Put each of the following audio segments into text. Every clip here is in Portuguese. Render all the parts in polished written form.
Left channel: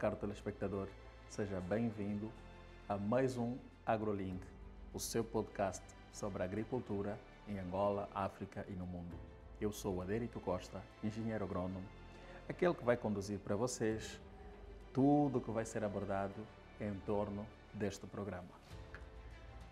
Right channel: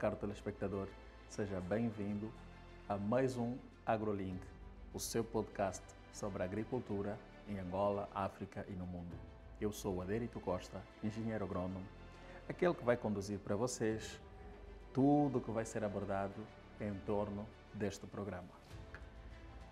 caro telespectador, seja bem-vindo a mais um AgroLink, o seu podcast sobre agricultura em Angola, África e no mundo. Eu sou o Adérito Costa, engenheiro agrônomo, aquele que vai conduzir para vocês tudo o que vai ser abordado em torno deste programa.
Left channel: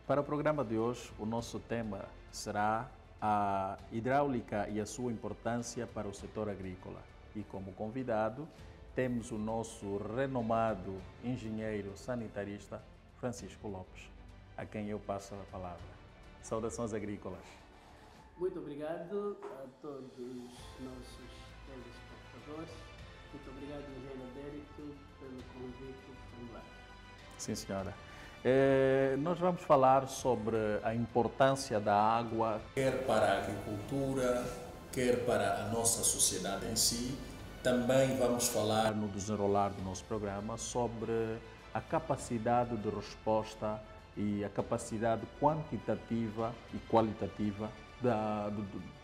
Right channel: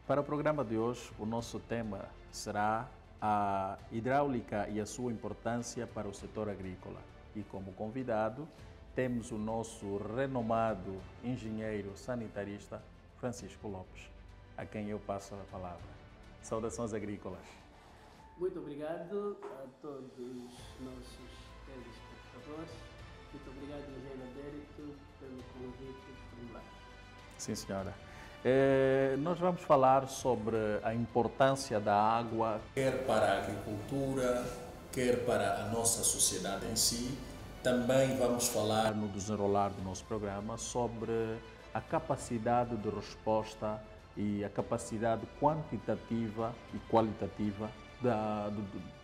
Para o programa de hoje, o nosso tema será a hidráulica e a sua importância para o setor agrícola. E como convidado, temos o nosso renomado engenheiro sanitarista, Francisco Lopes, a quem eu passo a palavra. Saudações agrícolas. Muito obrigado a todos os nossos telespectadores. Muito obrigado, engenheiro Adérito, pelo convite formulário. Sim, senhora. Nós vamos falar sobre a importância da água, quer para a agricultura, quer para a nossa sociedade em si. Também vamos falar no desenrolar do nosso programa sobre a capacidade de resposta e a capacidade quantitativa e qualitativa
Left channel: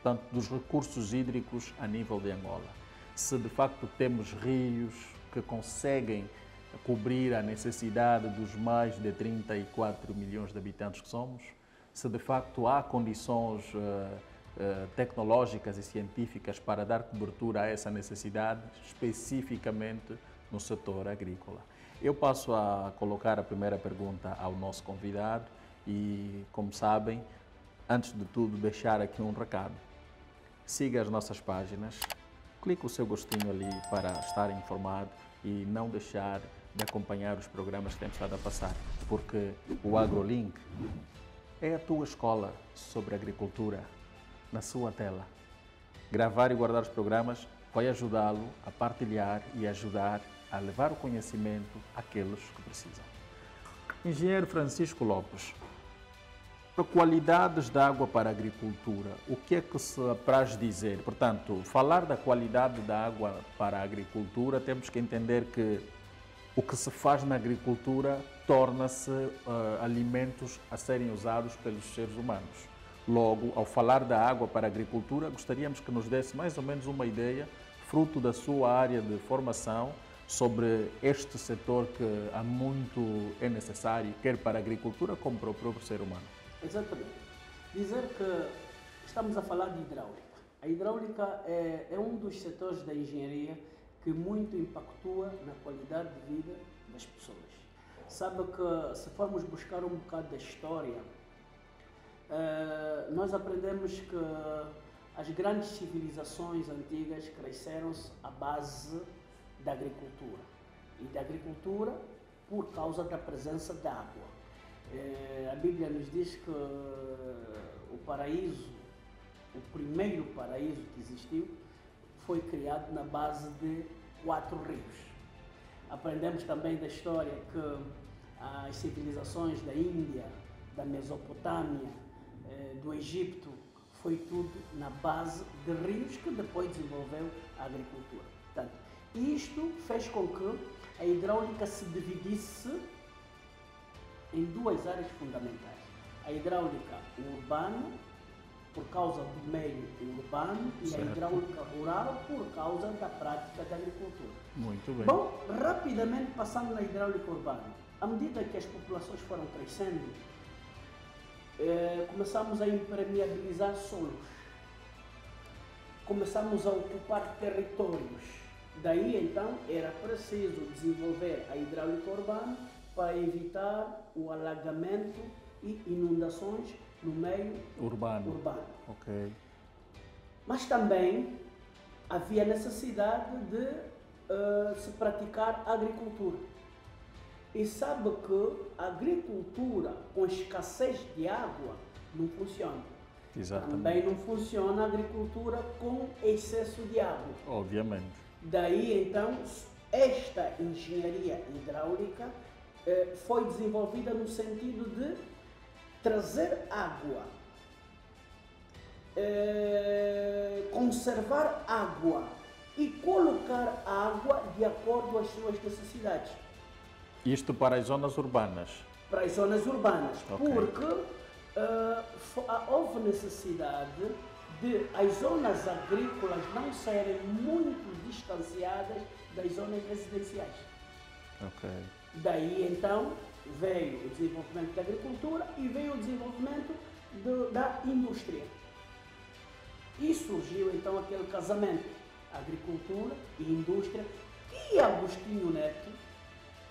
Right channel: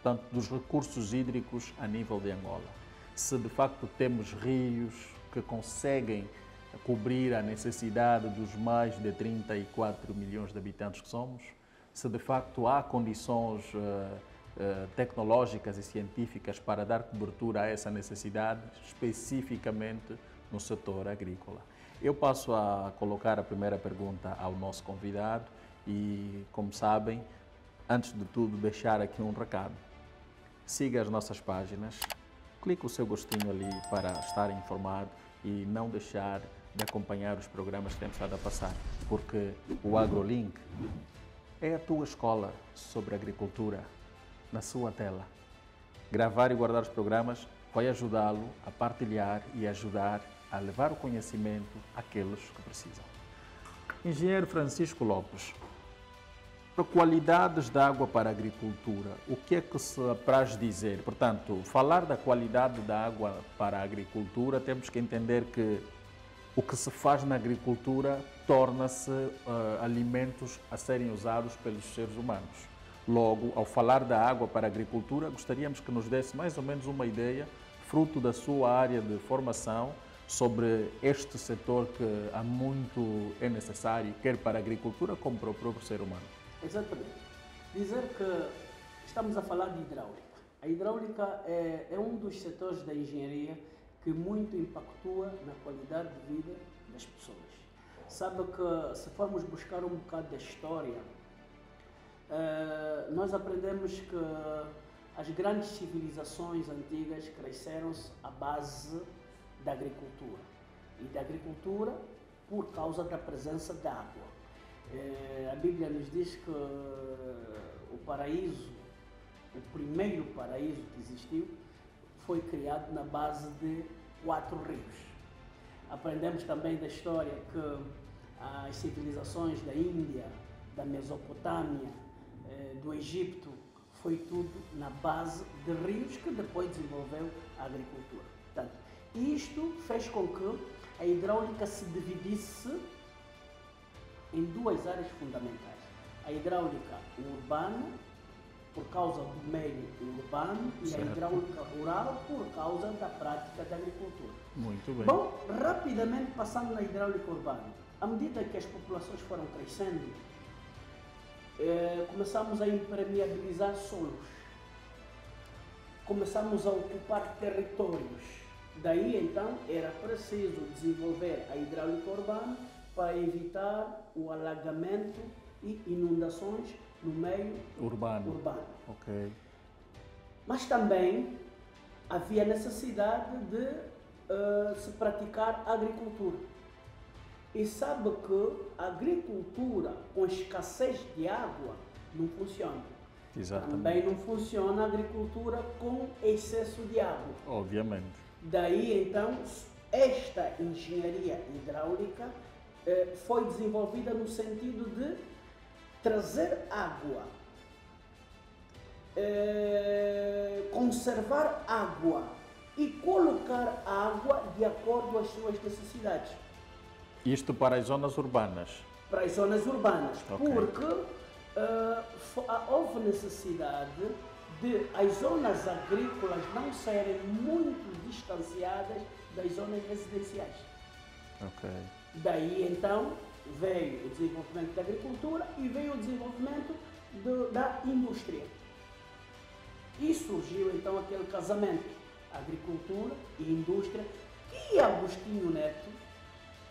tanto dos recursos hídricos a nível de Angola. Se de facto temos rios que conseguem cobrir a necessidade dos mais de 34 milhões de habitantes que somos, se de facto há condições tecnológicas e científicas para dar cobertura a essa necessidade, especificamente no setor agrícola. Eu passo a colocar a primeira pergunta ao nosso convidado e, como sabem, antes de tudo, deixar aqui um recado. Siga as nossas páginas, clique o seu gostinho ali para estar informado e não deixar de acompanhar os programas que temos estado a passar, porque o AgroLink é a tua escola sobre agricultura na sua tela. Gravar e guardar os programas vai ajudá-lo a partilhar e ajudar a levar o conhecimento àqueles que precisam. Engenheiro Francisco Lopes, qualidades da água para a agricultura, o que é que se apraz dizer? Portanto, falar da qualidade da água para a agricultura, temos que entender que o que se faz na agricultura torna-se alimentos a serem usados pelos seres humanos. Logo, ao falar da água para a agricultura, gostaríamos que nos desse mais ou menos uma ideia, fruto da sua área de formação, sobre este setor que há muito é necessário, quer para a agricultura como para o próprio ser humano. Exatamente. Dizer que estamos a falar de hidráulica. A hidráulica é um dos setores da engenharia que muito impactua na qualidade de vida das pessoas. Sabe que se formos buscar um bocado da história, nós aprendemos que as grandes civilizações antigas cresceram-se à base da agricultura. E da agricultura por causa da presença da água. A Bíblia nos diz que o paraíso, o primeiro paraíso que existiu, foi criado na base de 4 rios. Aprendemos também da história que as civilizações da Índia, da Mesopotâmia, do Egito, foi tudo na base de rios que depois desenvolveu a agricultura. Portanto, isto fez com que a hidráulica se dividisse em 2 áreas fundamentais. A hidráulica urbana, por causa do meio urbano, certo, e a hidráulica rural, por causa da prática da agricultura. Muito bem. Bom, rapidamente passando na hidráulica urbana, à medida que as populações foram crescendo, começamos a impermeabilizar solos, começamos a ocupar territórios. Daí então era preciso desenvolver a hidráulica urbana para evitar o alagamento e inundações no meio urbano. Ok. Mas também havia necessidade de se praticar agricultura. E sabe que a agricultura com escassez de água não funciona. Exatamente. Também não funciona a agricultura com excesso de água. Obviamente. Daí então esta engenharia hidráulica foi desenvolvida no sentido de trazer água, conservar água e colocar água de acordo às suas necessidades. Isto para as zonas urbanas? Para as zonas urbanas, okay, porque houve necessidade de as zonas agrícolas não serem muito distanciadas das zonas residenciais. Ok. Daí então veio o desenvolvimento da agricultura e veio o desenvolvimento da indústria. E surgiu então aquele casamento, agricultura e indústria, que Agostinho Neto,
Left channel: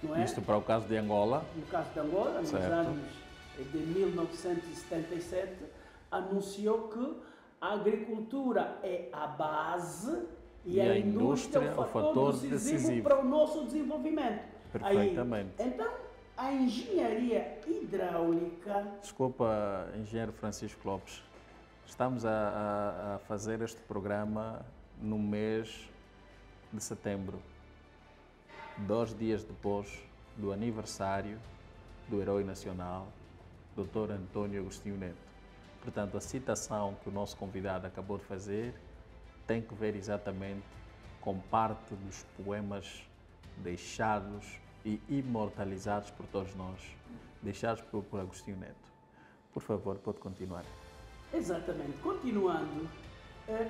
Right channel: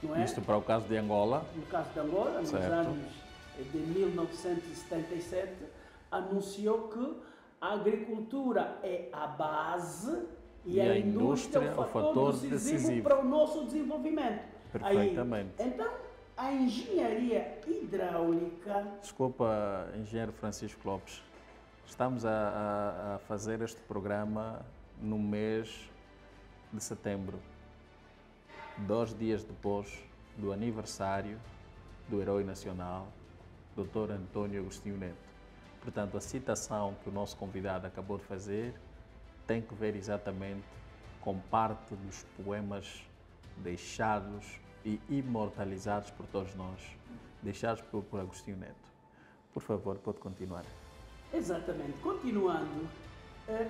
não é? Isto para o caso de Angola. No caso de Angola, nos anos de 1977, anunciou que a agricultura é a base e a indústria é o fator decisivo para o nosso desenvolvimento. Perfeitamente. Aí, então, a engenharia hidráulica... Desculpa, engenheiro Francisco Lopes. Estamos a fazer este programa no mês de setembro, 2 dias depois do aniversário do herói nacional, Dr. Antônio Agostinho Neto. Portanto, a citação que o nosso convidado acabou de fazer tem que ver exatamente com parte dos poemas deixados e imortalizados por todos nós, deixados por Agostinho Neto. Por favor, pode continuar. Exatamente. Continuando,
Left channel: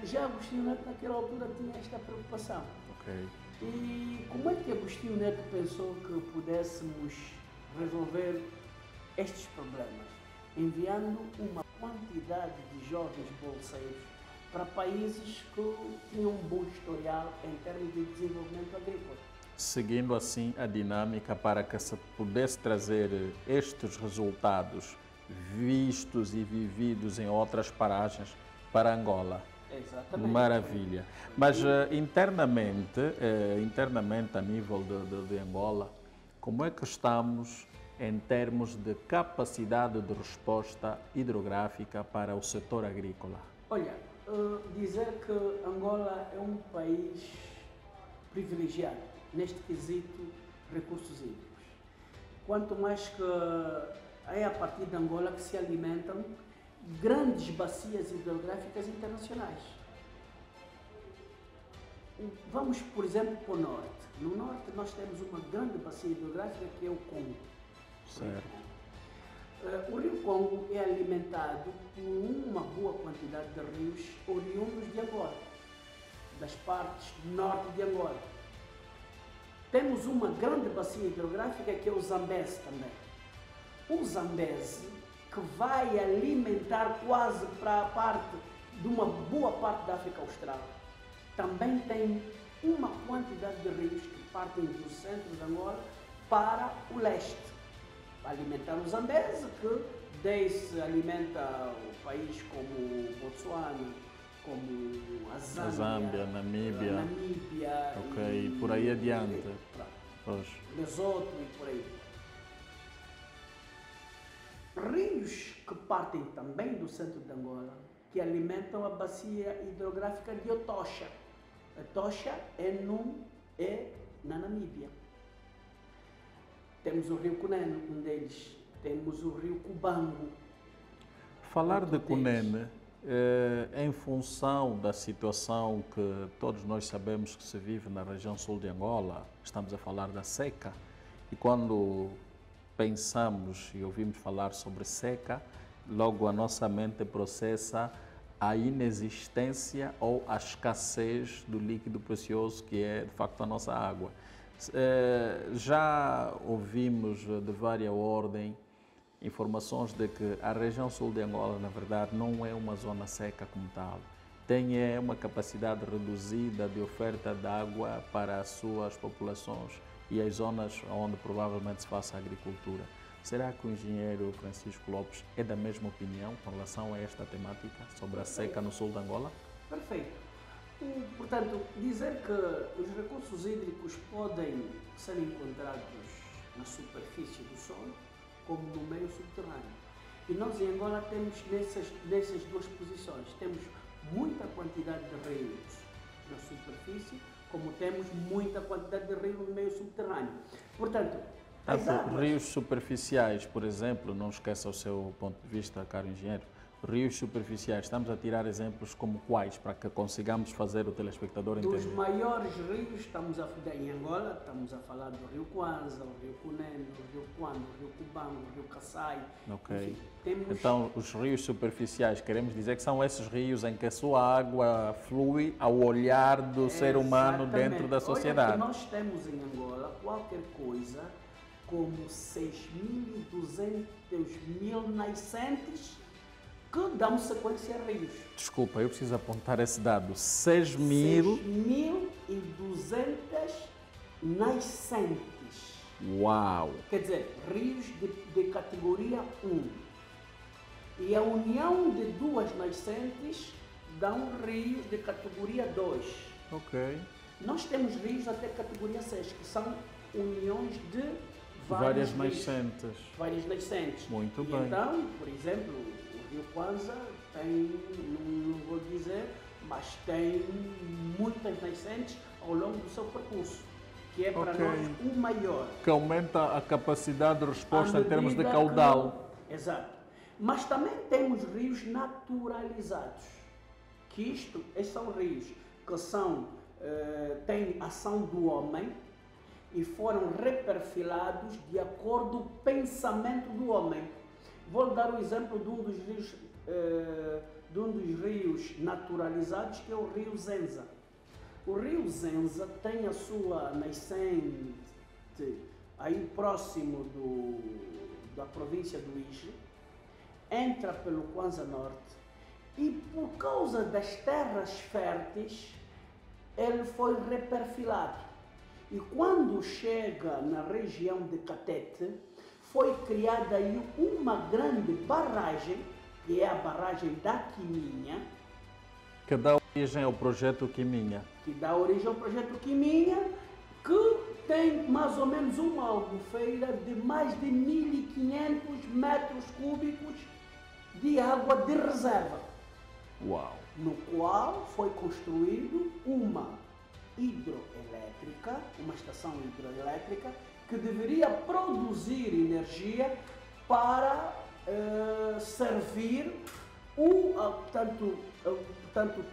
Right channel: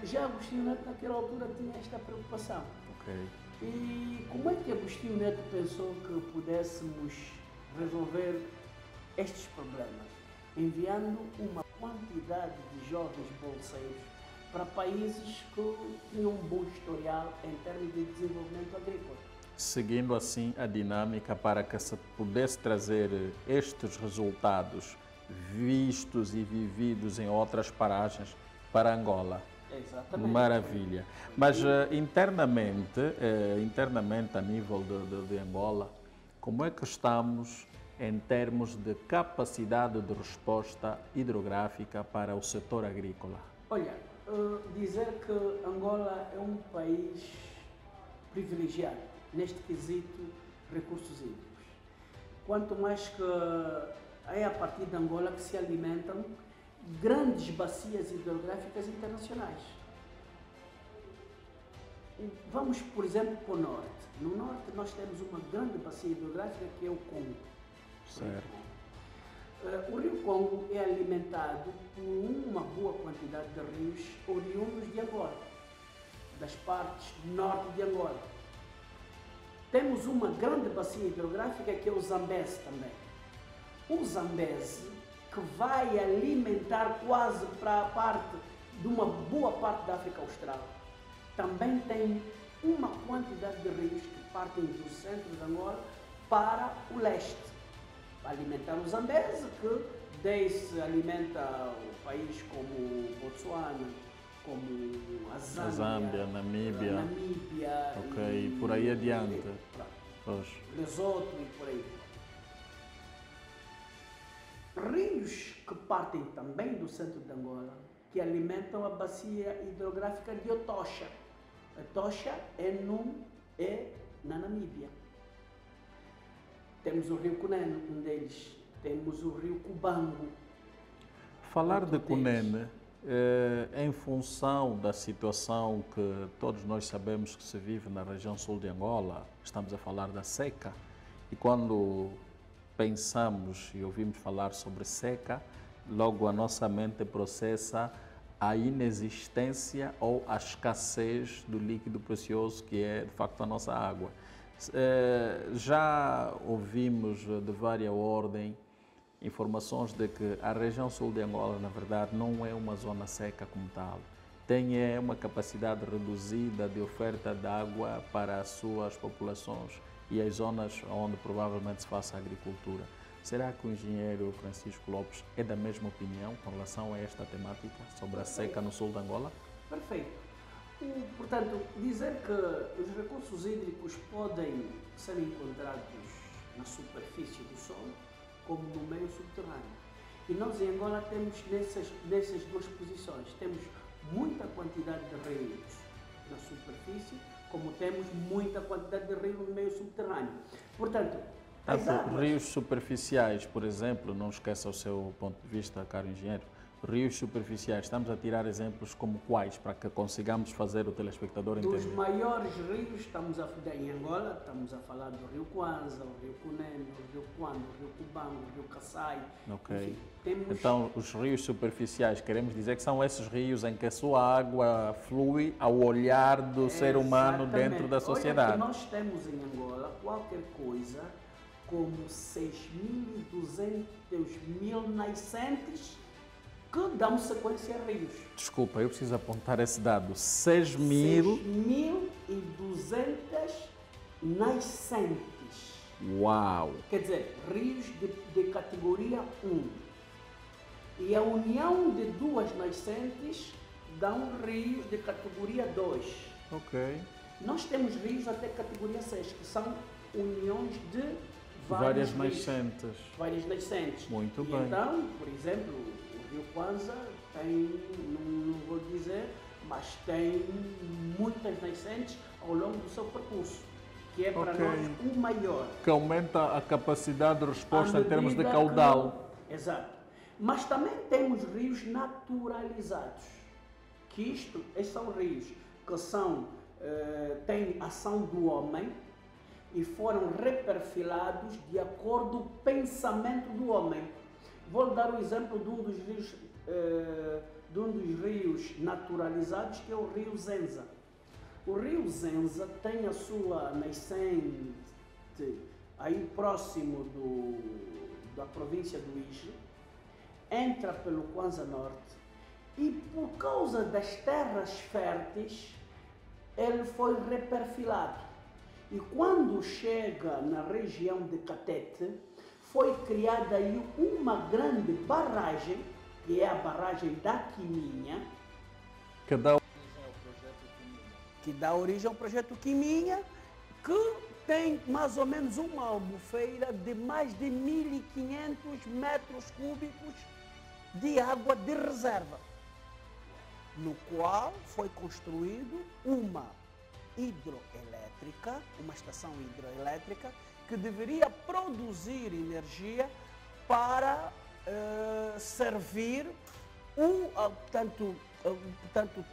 já Agostinho Neto naquela altura tinha esta preocupação. Ok. E como é que Agostinho Neto pensou que pudéssemos resolver estes problemas? Enviando uma quantidade de jovens bolseiros para países que tinham um bom historial em termos de desenvolvimento agrícola. Seguindo assim a dinâmica para que se pudesse trazer estes resultados vistos e vividos em outras paragens para Angola. Exatamente. Maravilha. Mas internamente a nível de Angola, como é que estamos em termos de capacidade de resposta hidrográfica para o setor agrícola? Olha, dizer que Angola é um país privilegiado neste quesito recursos hídricos. Quanto mais que é a partir de Angola que se alimentam grandes bacias hidrográficas internacionais. Vamos, por exemplo, para o norte. No norte nós temos uma grande bacia hidrográfica que é o Congo. Certo. O rio Congo é alimentado por uma boa quantidade de rios oriundos de Angola, das partes norte de Angola. Temos uma grande bacia hidrográfica que é o Zambeze também. O Zambeze, que vai alimentar quase para a parte de uma boa parte da África Austral, também tem uma quantidade de rios que partem do centro de Angola para o leste, para alimentar o Zambeze, que desde alimenta o país como Botsuana, como a Zâmbia, Namíbia, ok, e por aí adiante, Lesoto e por aí. Rios que partem também do centro de Angola, que alimentam a bacia hidrográfica de Etosha. Etosha é na Namíbia. Temos o rio Cunene, um deles. Temos o rio Cubango. Falar de Cunene, em função da situação que todos nós sabemos que se vive na região sul de Angola, estamos a falar da seca, e quando pensamos e ouvimos falar sobre seca, logo a nossa mente processa a inexistência ou a escassez do líquido precioso que é de facto a nossa água. Já ouvimos de várias ordens informações de que a região sul de Angola, na verdade, não é uma zona seca como tal. Tem uma capacidade reduzida de oferta de água para as suas populações e as zonas onde provavelmente se faça a agricultura. Será que o engenheiro Francisco Lopes é da mesma opinião com relação a esta temática sobre a seca no sul de Angola? Perfeito. Portanto, dizer que os recursos hídricos podem ser encontrados na superfície do solo como no meio subterrâneo. E nós em Angola temos nessas duas posições. Temos muita quantidade de rios na superfície, como temos muita quantidade de rios no meio subterrâneo. Portanto, rios superficiais, por exemplo, não esqueça o seu ponto de vista, caro engenheiro, rios superficiais, estamos a tirar exemplos como quais, para que consigamos fazer o telespectador entender? Dos maiores rios, estamos a falar em Angola, estamos a falar do rio Kwanza, o rio Cunene, o rio Quando, o rio Cubango, o rio Kassai. Ok. Enfim, temos... Então, os rios superficiais, queremos dizer que são esses rios em que a sua água flui ao olhar do ser humano dentro da sociedade. Olha, que nós temos em Angola qualquer qualquer coisa como 6.200 nascentes que dão sequência a rios. Desculpa, eu preciso apontar esse dado. 6.200 nascentes. Uau! Quer dizer, rios de categoria 1. E a união de duas nascentes dá um rio de categoria 2. Ok. Nós temos rios até categoria 6, que são uniões de várias nascentes. Várias nascentes. Muito bem. Então, por exemplo, o Rio Kwanza tem, não vou dizer, mas tem muitas nascentes ao longo do seu percurso, que é para nós o maior. Que aumenta a capacidade de resposta em termos de caudal. Exato. Mas também temos rios naturalizados, que estes são rios que têm ação do homem e foram reperfilados de acordo com o pensamento do homem. Vou dar o exemplo de um dos rios naturalizados, que é o rio Zenza. O rio Zenza tem a sua nascente aí próximo da província do Ije, entra pelo Kwanza Norte e, por causa das terras férteis, ele foi reperfilado. E quando chega na região de Catete, foi criada aí uma grande barragem, que é a barragem da Quiminha. Que dá origem ao projeto Quiminha. Que dá origem ao projeto Quiminha, que tem mais ou menos uma albufeira de mais de 1.500 metros cúbicos de água de reserva. Uau! No qual foi construído uma hidroelétrica, uma estação hidroelétrica, que deveria produzir energia para servir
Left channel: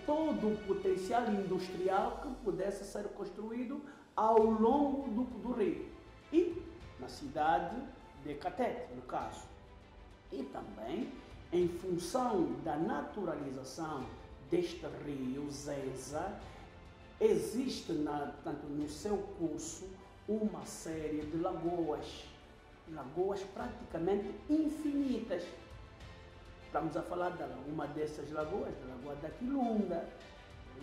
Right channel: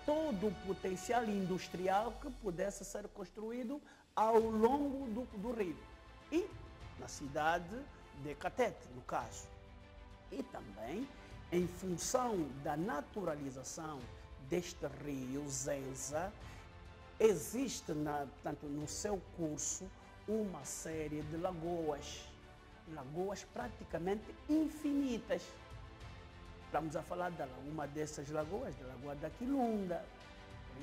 todo o potencial industrial que pudesse ser construído ao longo do rio. E na cidade de Catete, no caso. E também, em função da naturalização deste rio Zenza, existe no seu curso uma série de lagoas praticamente infinitas. Estamos a falar de uma dessas lagoas, da Lagoa da Quilunga,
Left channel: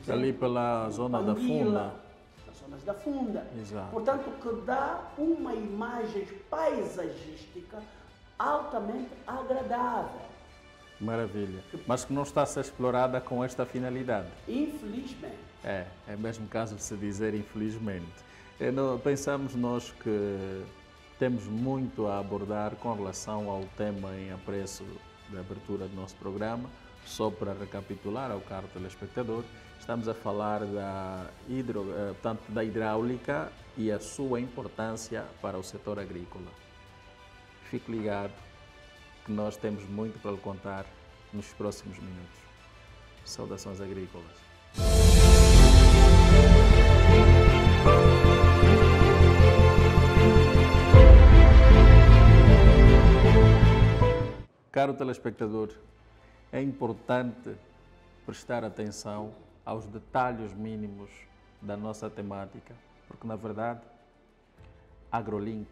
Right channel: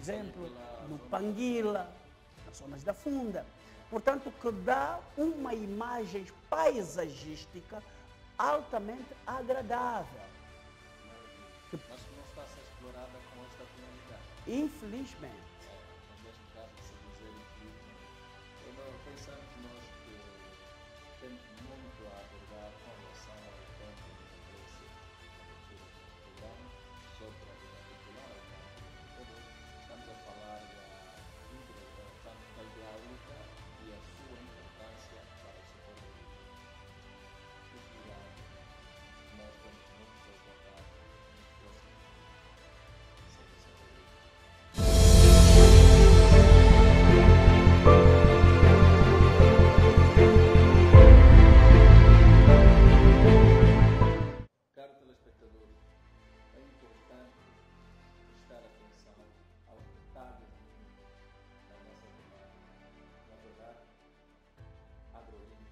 ali pela zona da Funda. Nas zonas da Funda. Exato. Portanto, que dá uma imagem paisagística altamente agradável. Maravilha. Mas que não está a ser explorada com esta finalidade. Infelizmente. É mesmo caso de se dizer infelizmente. Pensamos nós que temos muito a abordar com relação ao tema em apreço da abertura do nosso programa. Só para recapitular ao caro telespectador, estamos a falar da hidráulica e a sua importância para o setor agrícola. Fique ligado que nós temos muito para lhe contar nos próximos minutos. Saudações agrícolas. Caro telespectador, é importante prestar atenção aos detalhes mínimos da nossa temática, porque na verdade AgroLink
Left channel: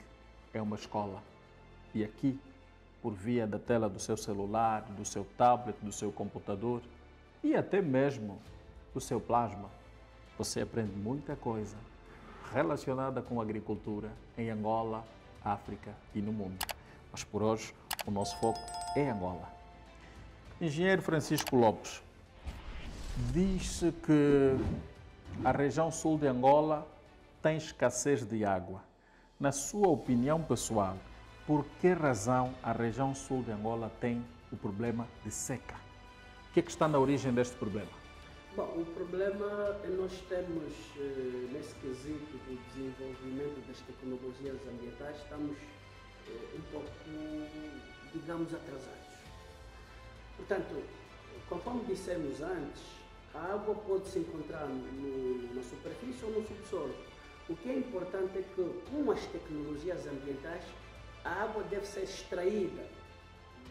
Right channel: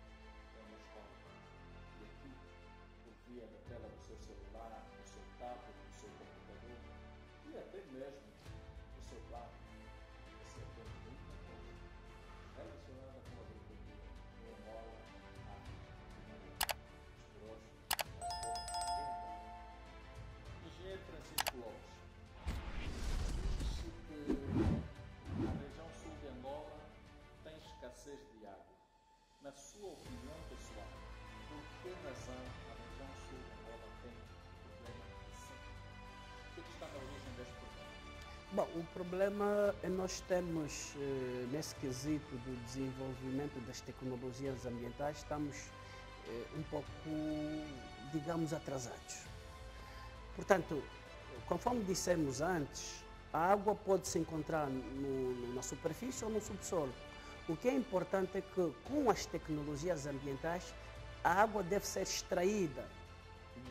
é uma escola e aqui, por via da tela do seu celular, do seu tablet, do seu computador e até mesmo do seu plasma, você aprende muita coisa relacionada com a agricultura em Angola, África e no mundo. Mas por hoje o nosso foco é Angola. Engenheiro Francisco Lopes, diz-se que a região sul de Angola tem escassez de água. Na sua opinião pessoal, por que razão a região sul de Angola tem o problema de seca? O que é que está na origem deste problema? Bom, o problema é nós temos, nesse quesito do desenvolvimento das tecnologias ambientais, estamos um pouco, digamos, atrasados. Portanto, conforme dissemos antes, a água pode se encontrar na superfície ou no subsolo. O que é importante é que, com as tecnologias ambientais, a água deve ser extraída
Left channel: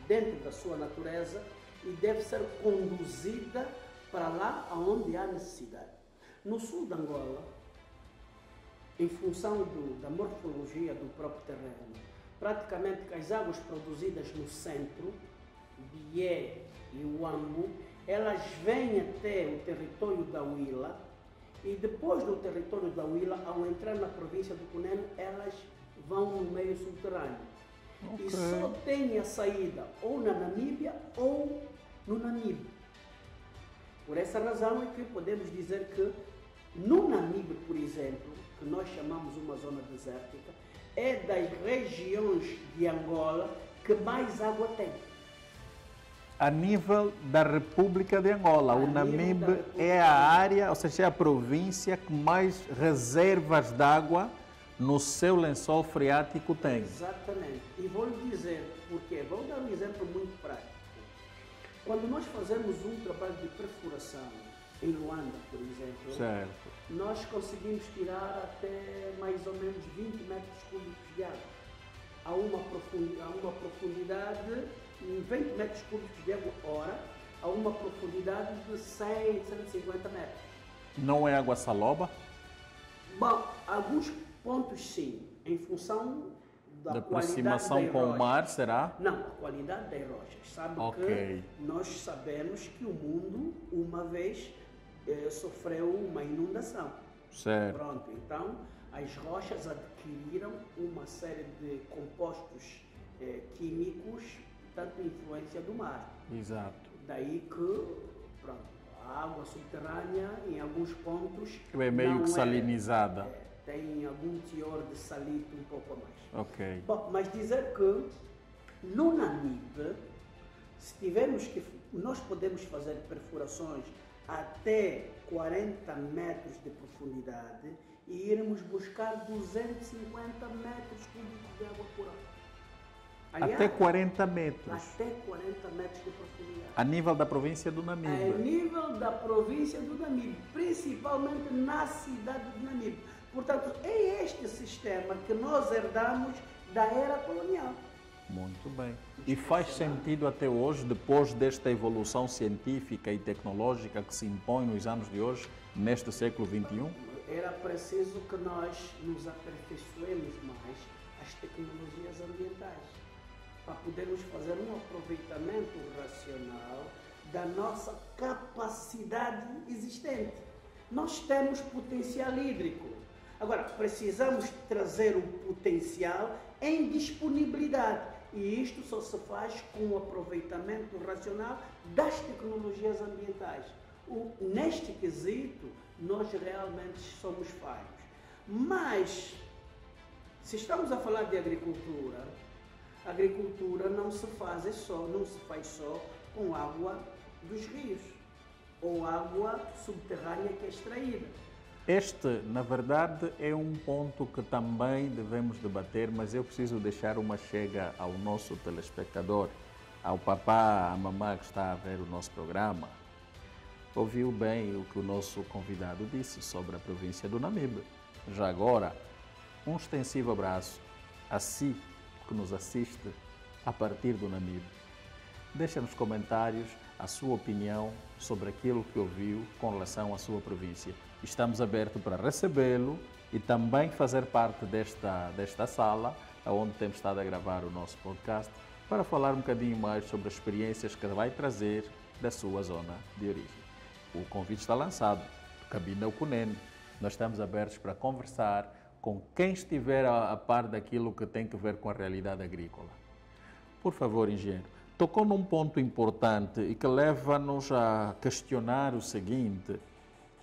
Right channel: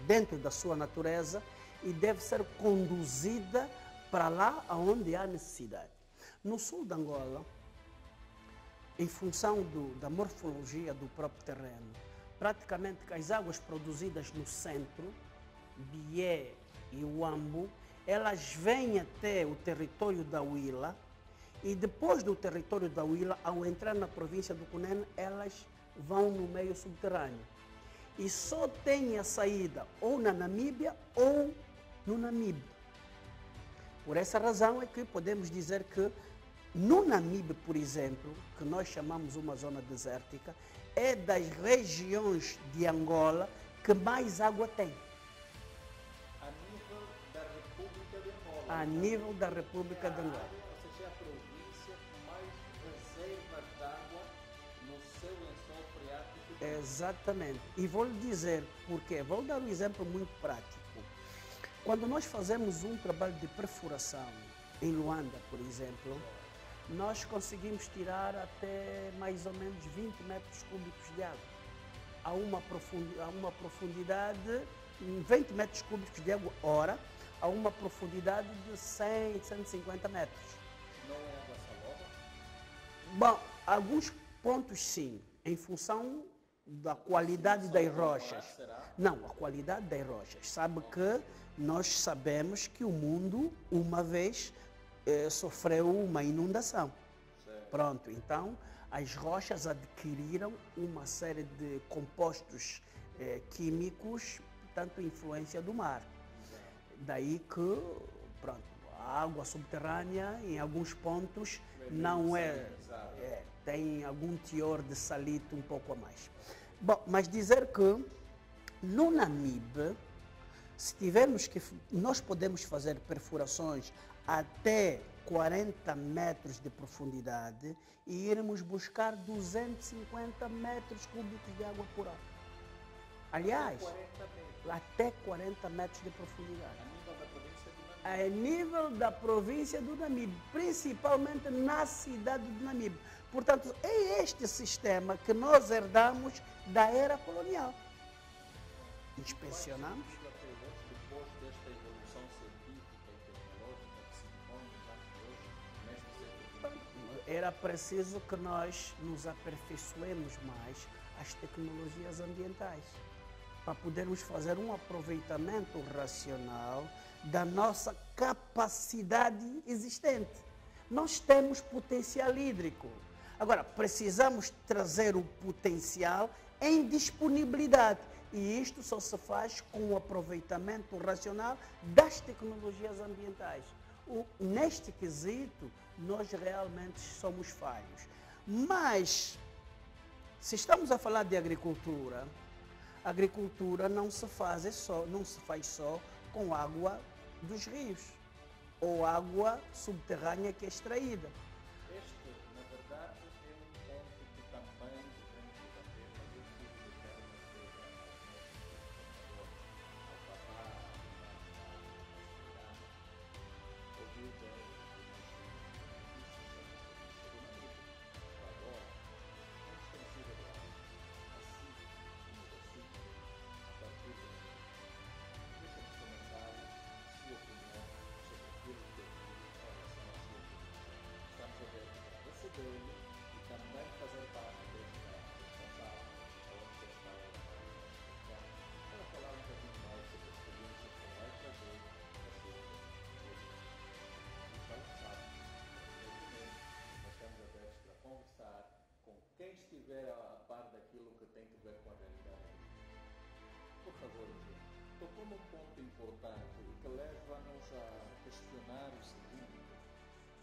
dentro da sua natureza e deve ser conduzida para lá onde há necessidade. No sul de Angola, em função da morfologia do próprio terreno, praticamente que as águas produzidas no centro, Bié e Huambo, elas vêm até o território da Huila e depois do território da Huila, ao entrar na província do Cunene, elas vão no meio subterrâneo. Okay. E só tem a saída ou na Namíbia ou no Namibe. Por essa razão é que podemos dizer que no Namibe, por exemplo, que nós chamamos uma zona desértica, é das regiões de Angola que mais água tem. A nível da República de Angola, o Namibe é a área, ou seja, é a província que mais reservas de água no seu lençol freático tem. Exatamente. E vou lhe dizer porquê. Vou dar um exemplo muito prático. Quando nós fazemos um trabalho de perfuração em Luanda, por exemplo, certo, nós conseguimos tirar até mais ou menos 20 metros cúbicos de água. A uma profundidade, 20 metros cúbicos de água hora, a uma profundidade de 100, 150 metros. Não é água saloba? Bom, alguns pontos sim, em função da qualidade das rochas. Com o mar, será? Não, a qualidade das rochas. Sabe que nós sabemos que o mundo, uma vez, sofreu uma inundação. Certo. Pronto, então as rochas adquiriram uma série de compostos químicos, portanto, influência do mar. Exato. Daí que, pronto, a água subterrânea, em alguns pontos, é meio que salinizada. Tem algum teor de salito um pouco a mais. Ok. Bom, mas dizer que no Namibe, se tivermos que, nós podemos fazer perfurações até 40 metros de profundidade e irmos buscar 250 metros cúbicos de água por hora. Aliás, até 40 metros? Até 40 metros de profundidade. A nível da província do Namibe? A nível da província do Namibe, principalmente na cidade do Namibe. Portanto, é este sistema que nós herdamos da era colonial. Muito bem. E faz sentido até hoje, depois desta evolução científica e tecnológica que se impõe nos anos de hoje, neste século XXI? Era preciso que nós nos aperfeiçoemos mais as tecnologias ambientais, para podermos fazer um aproveitamento racional da nossa capacidade existente. Nós temos potencial hídrico. Agora, precisamos trazer o potencial em disponibilidade. E isto só se faz com o aproveitamento racional das tecnologias ambientais. Neste quesito, nós realmente somos falhos. Mas, se estamos a falar de agricultura, a agricultura não se faz só com água dos rios ou água subterrânea que é extraída. Este, na verdade, é um ponto que também devemos debater, mas eu preciso deixar uma chega ao nosso telespectador, ao papá, à mamã que está a ver o nosso programa. Ouviu bem o que o nosso convidado disse sobre a província do Namibe. Já agora, um extensivo abraço a si que nos assiste a partir do Namibe. Deixa nos comentários a sua opinião sobre aquilo que ouviu com relação à sua província. Estamos abertos para recebê-lo e também fazer parte desta sala, onde temos estado a gravar o nosso podcast, para falar um bocadinho mais sobre as experiências que vai trazer da sua zona de origem. O convite está lançado, Cabina Cunene. Nós estamos abertos para conversar com quem estiver a par daquilo que tem que ver com a realidade agrícola. Por favor, engenheiro, tocou num ponto importante e que leva-nos a questionar o seguinte:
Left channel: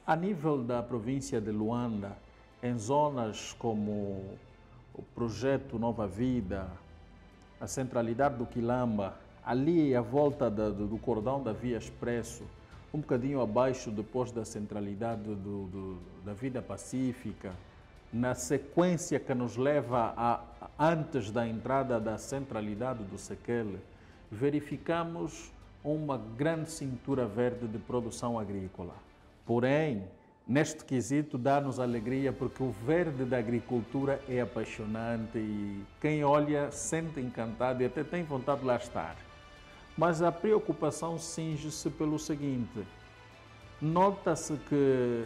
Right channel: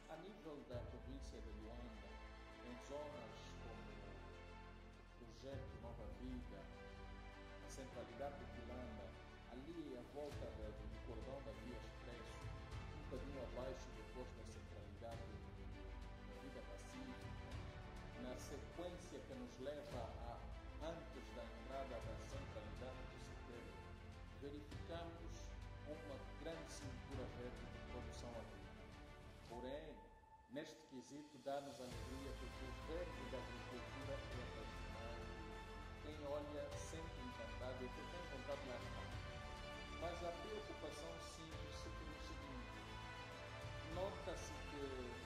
a nível da província de Luanda, em zonas como o projeto Nova Vida, a centralidade do Quilamba, ali à volta do cordão da Via Expresso, um bocadinho abaixo depois da centralidade da Vida Pacífica, na sequência que nos leva antes da entrada da centralidade do Sequele, verificamos uma grande cintura verde de produção agrícola. Porém, neste quesito dá-nos alegria porque o verde da agricultura é apaixonante e quem olha sente encantado e até tem vontade de lá estar. Mas a preocupação cinge-se pelo seguinte: nota-se que,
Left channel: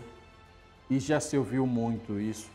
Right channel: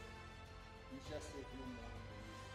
e já se ouviu muito isso,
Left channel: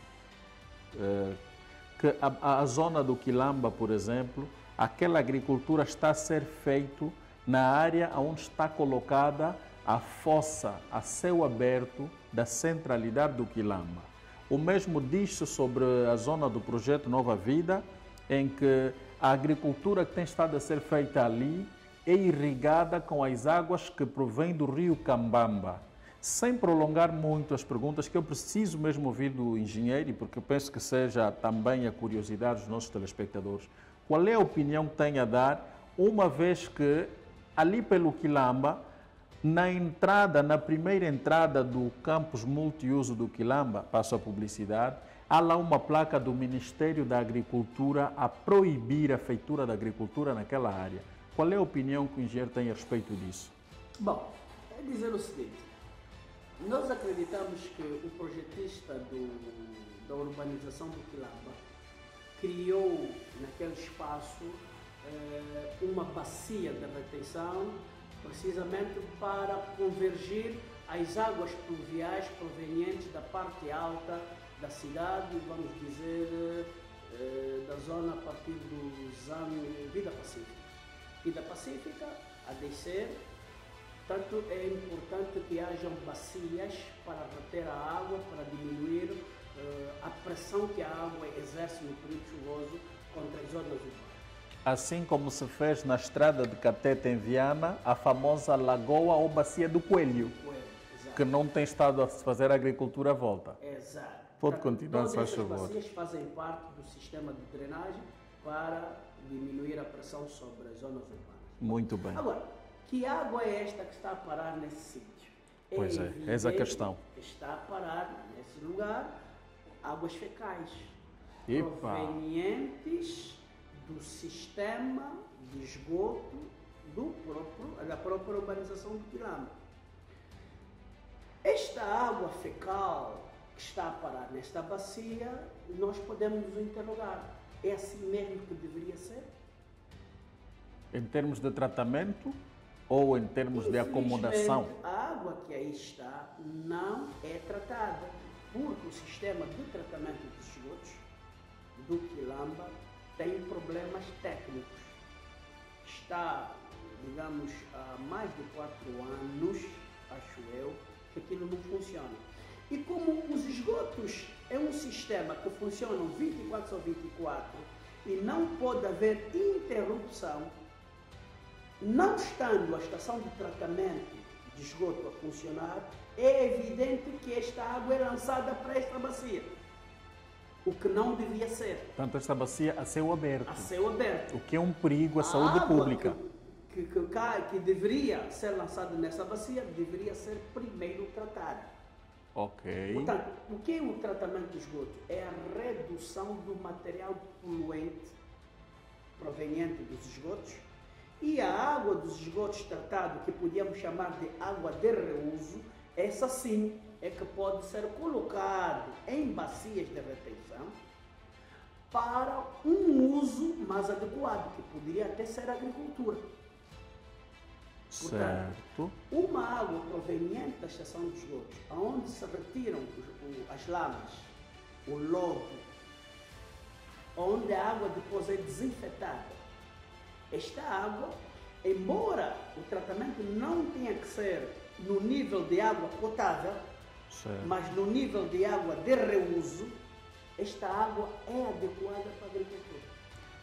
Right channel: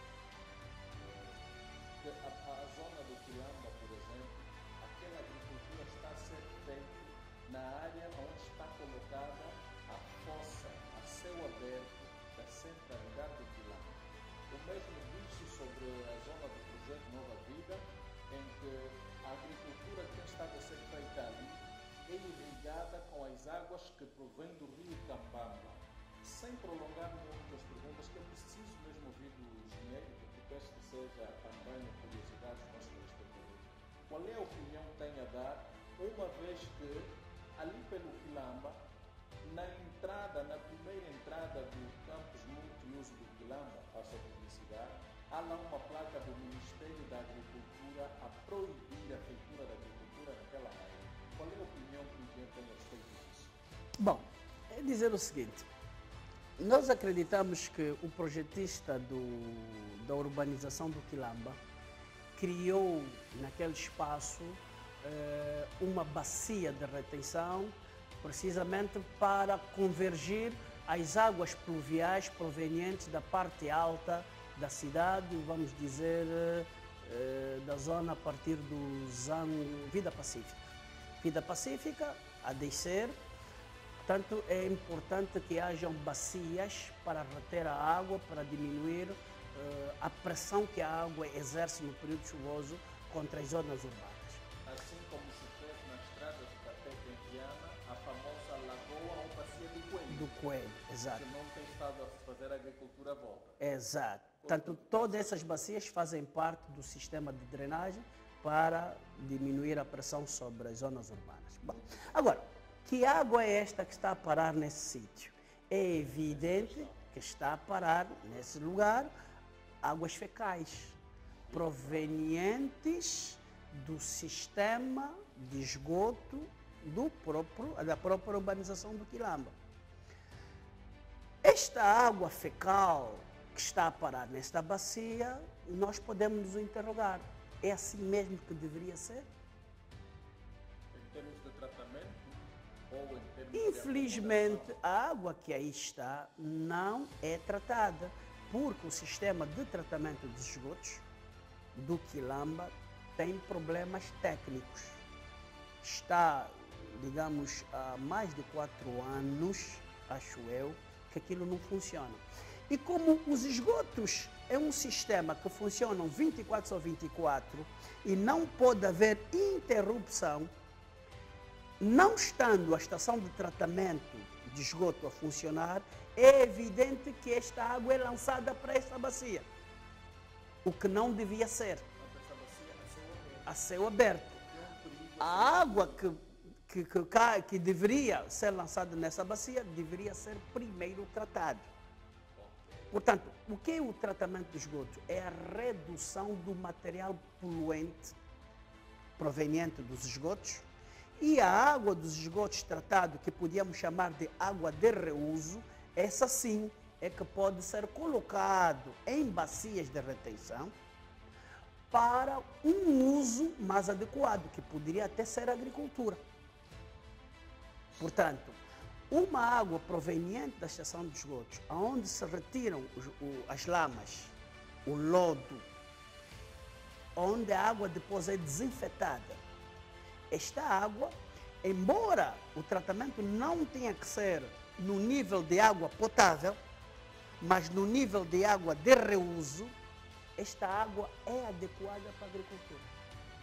que a zona do Quilamba, por exemplo, aquela agricultura está a ser feita na área onde está colocada a fossa a céu aberto da centralidade do Quilamba. O mesmo diz-se sobre a zona do projeto Nova Vida, em que a agricultura que tem estado a ser feita ali é irrigada com as águas que provêm do rio Cambamba. Sem prolongar muito as perguntas, que eu preciso mesmo ouvir do engenheiro, porque eu penso que seja também a curiosidade dos nossos telespectadores. Qual é a opinião que tem a dar, uma vez que ali pelo Quilamba, na primeira entrada do campus multiuso do Quilamba, passo a publicidade, há lá uma placa do Ministério da Agricultura a proibir a feitura da agricultura naquela área. Qual é a opinião que o engenheiro tem a respeito disso? Bom, é dizer o seguinte, nós acreditamos que o projetista da urbanização do Quilamba criou naquele espaço uma bacia de retenção precisamente para convergir as águas pluviais provenientes da parte alta da cidade, vamos dizer, da zona a partir do Zango, Vida Pacífica. Vida Pacífica a descer, portanto é importante que hajam bacias para reter a água, para diminuir a pressão que a água exerce no período chuvoso contra as zonas urbanas. Assim como se fez na estrada de Catete em Viana, a famosa lagoa ou bacia do Coelho, exato. Que não tem estado a fazer a agricultura à volta. Exato. Pode Portanto, continuar, todas essas favor. bacias fazem parte do sistema de drenagem para diminuir a pressão sobre as zonas urbanas. Muito bem. Agora, que água é esta que está a parar nesse sítio? Pois é, evidente essa a questão. Que está a parar nesse lugar águas fecais Epa. provenientes do sistema de esgoto da própria urbanização do Quilamba. Esta água fecal que está a parar nesta bacia, nós podemos nos interrogar, é assim mesmo que deveria ser? Em termos de tratamento ou em termos de acomodação? A água que aí está não é tratada, porque o sistema de tratamento dos esgotos do Quilamba tem problemas técnicos. Está, digamos, há mais de 4 anos, acho eu, que aquilo não funciona. E como os esgotos é um sistema que funciona 24 sobre 24 e não pode haver interrupção, não estando a estação de tratamento de esgoto a funcionar, é evidente que esta água é lançada para esta bacia. O que não devia ser. Portanto, esta bacia a céu aberto. A céu aberto. O que é um perigo à saúde água pública. Que deveria ser lançada nessa bacia, deveria ser primeiro tratada. Ok. Portanto, o que é o tratamento de esgoto? É a redução do material poluente proveniente dos esgotos e a água dos esgotos tratado, que podíamos chamar de água de reuso, essa sim é que pode ser colocado em bacias de retenção para um uso mais adequado, que poderia até ser a agricultura. Portanto, certo. Uma água proveniente da estação de esgotos, onde se retiram as lamas, o lodo, onde a água depois é desinfetada. Esta água, embora o tratamento não tenha que ser no nível de água potável, certo, mas no nível de água de reuso, esta água é adequada para a agricultura.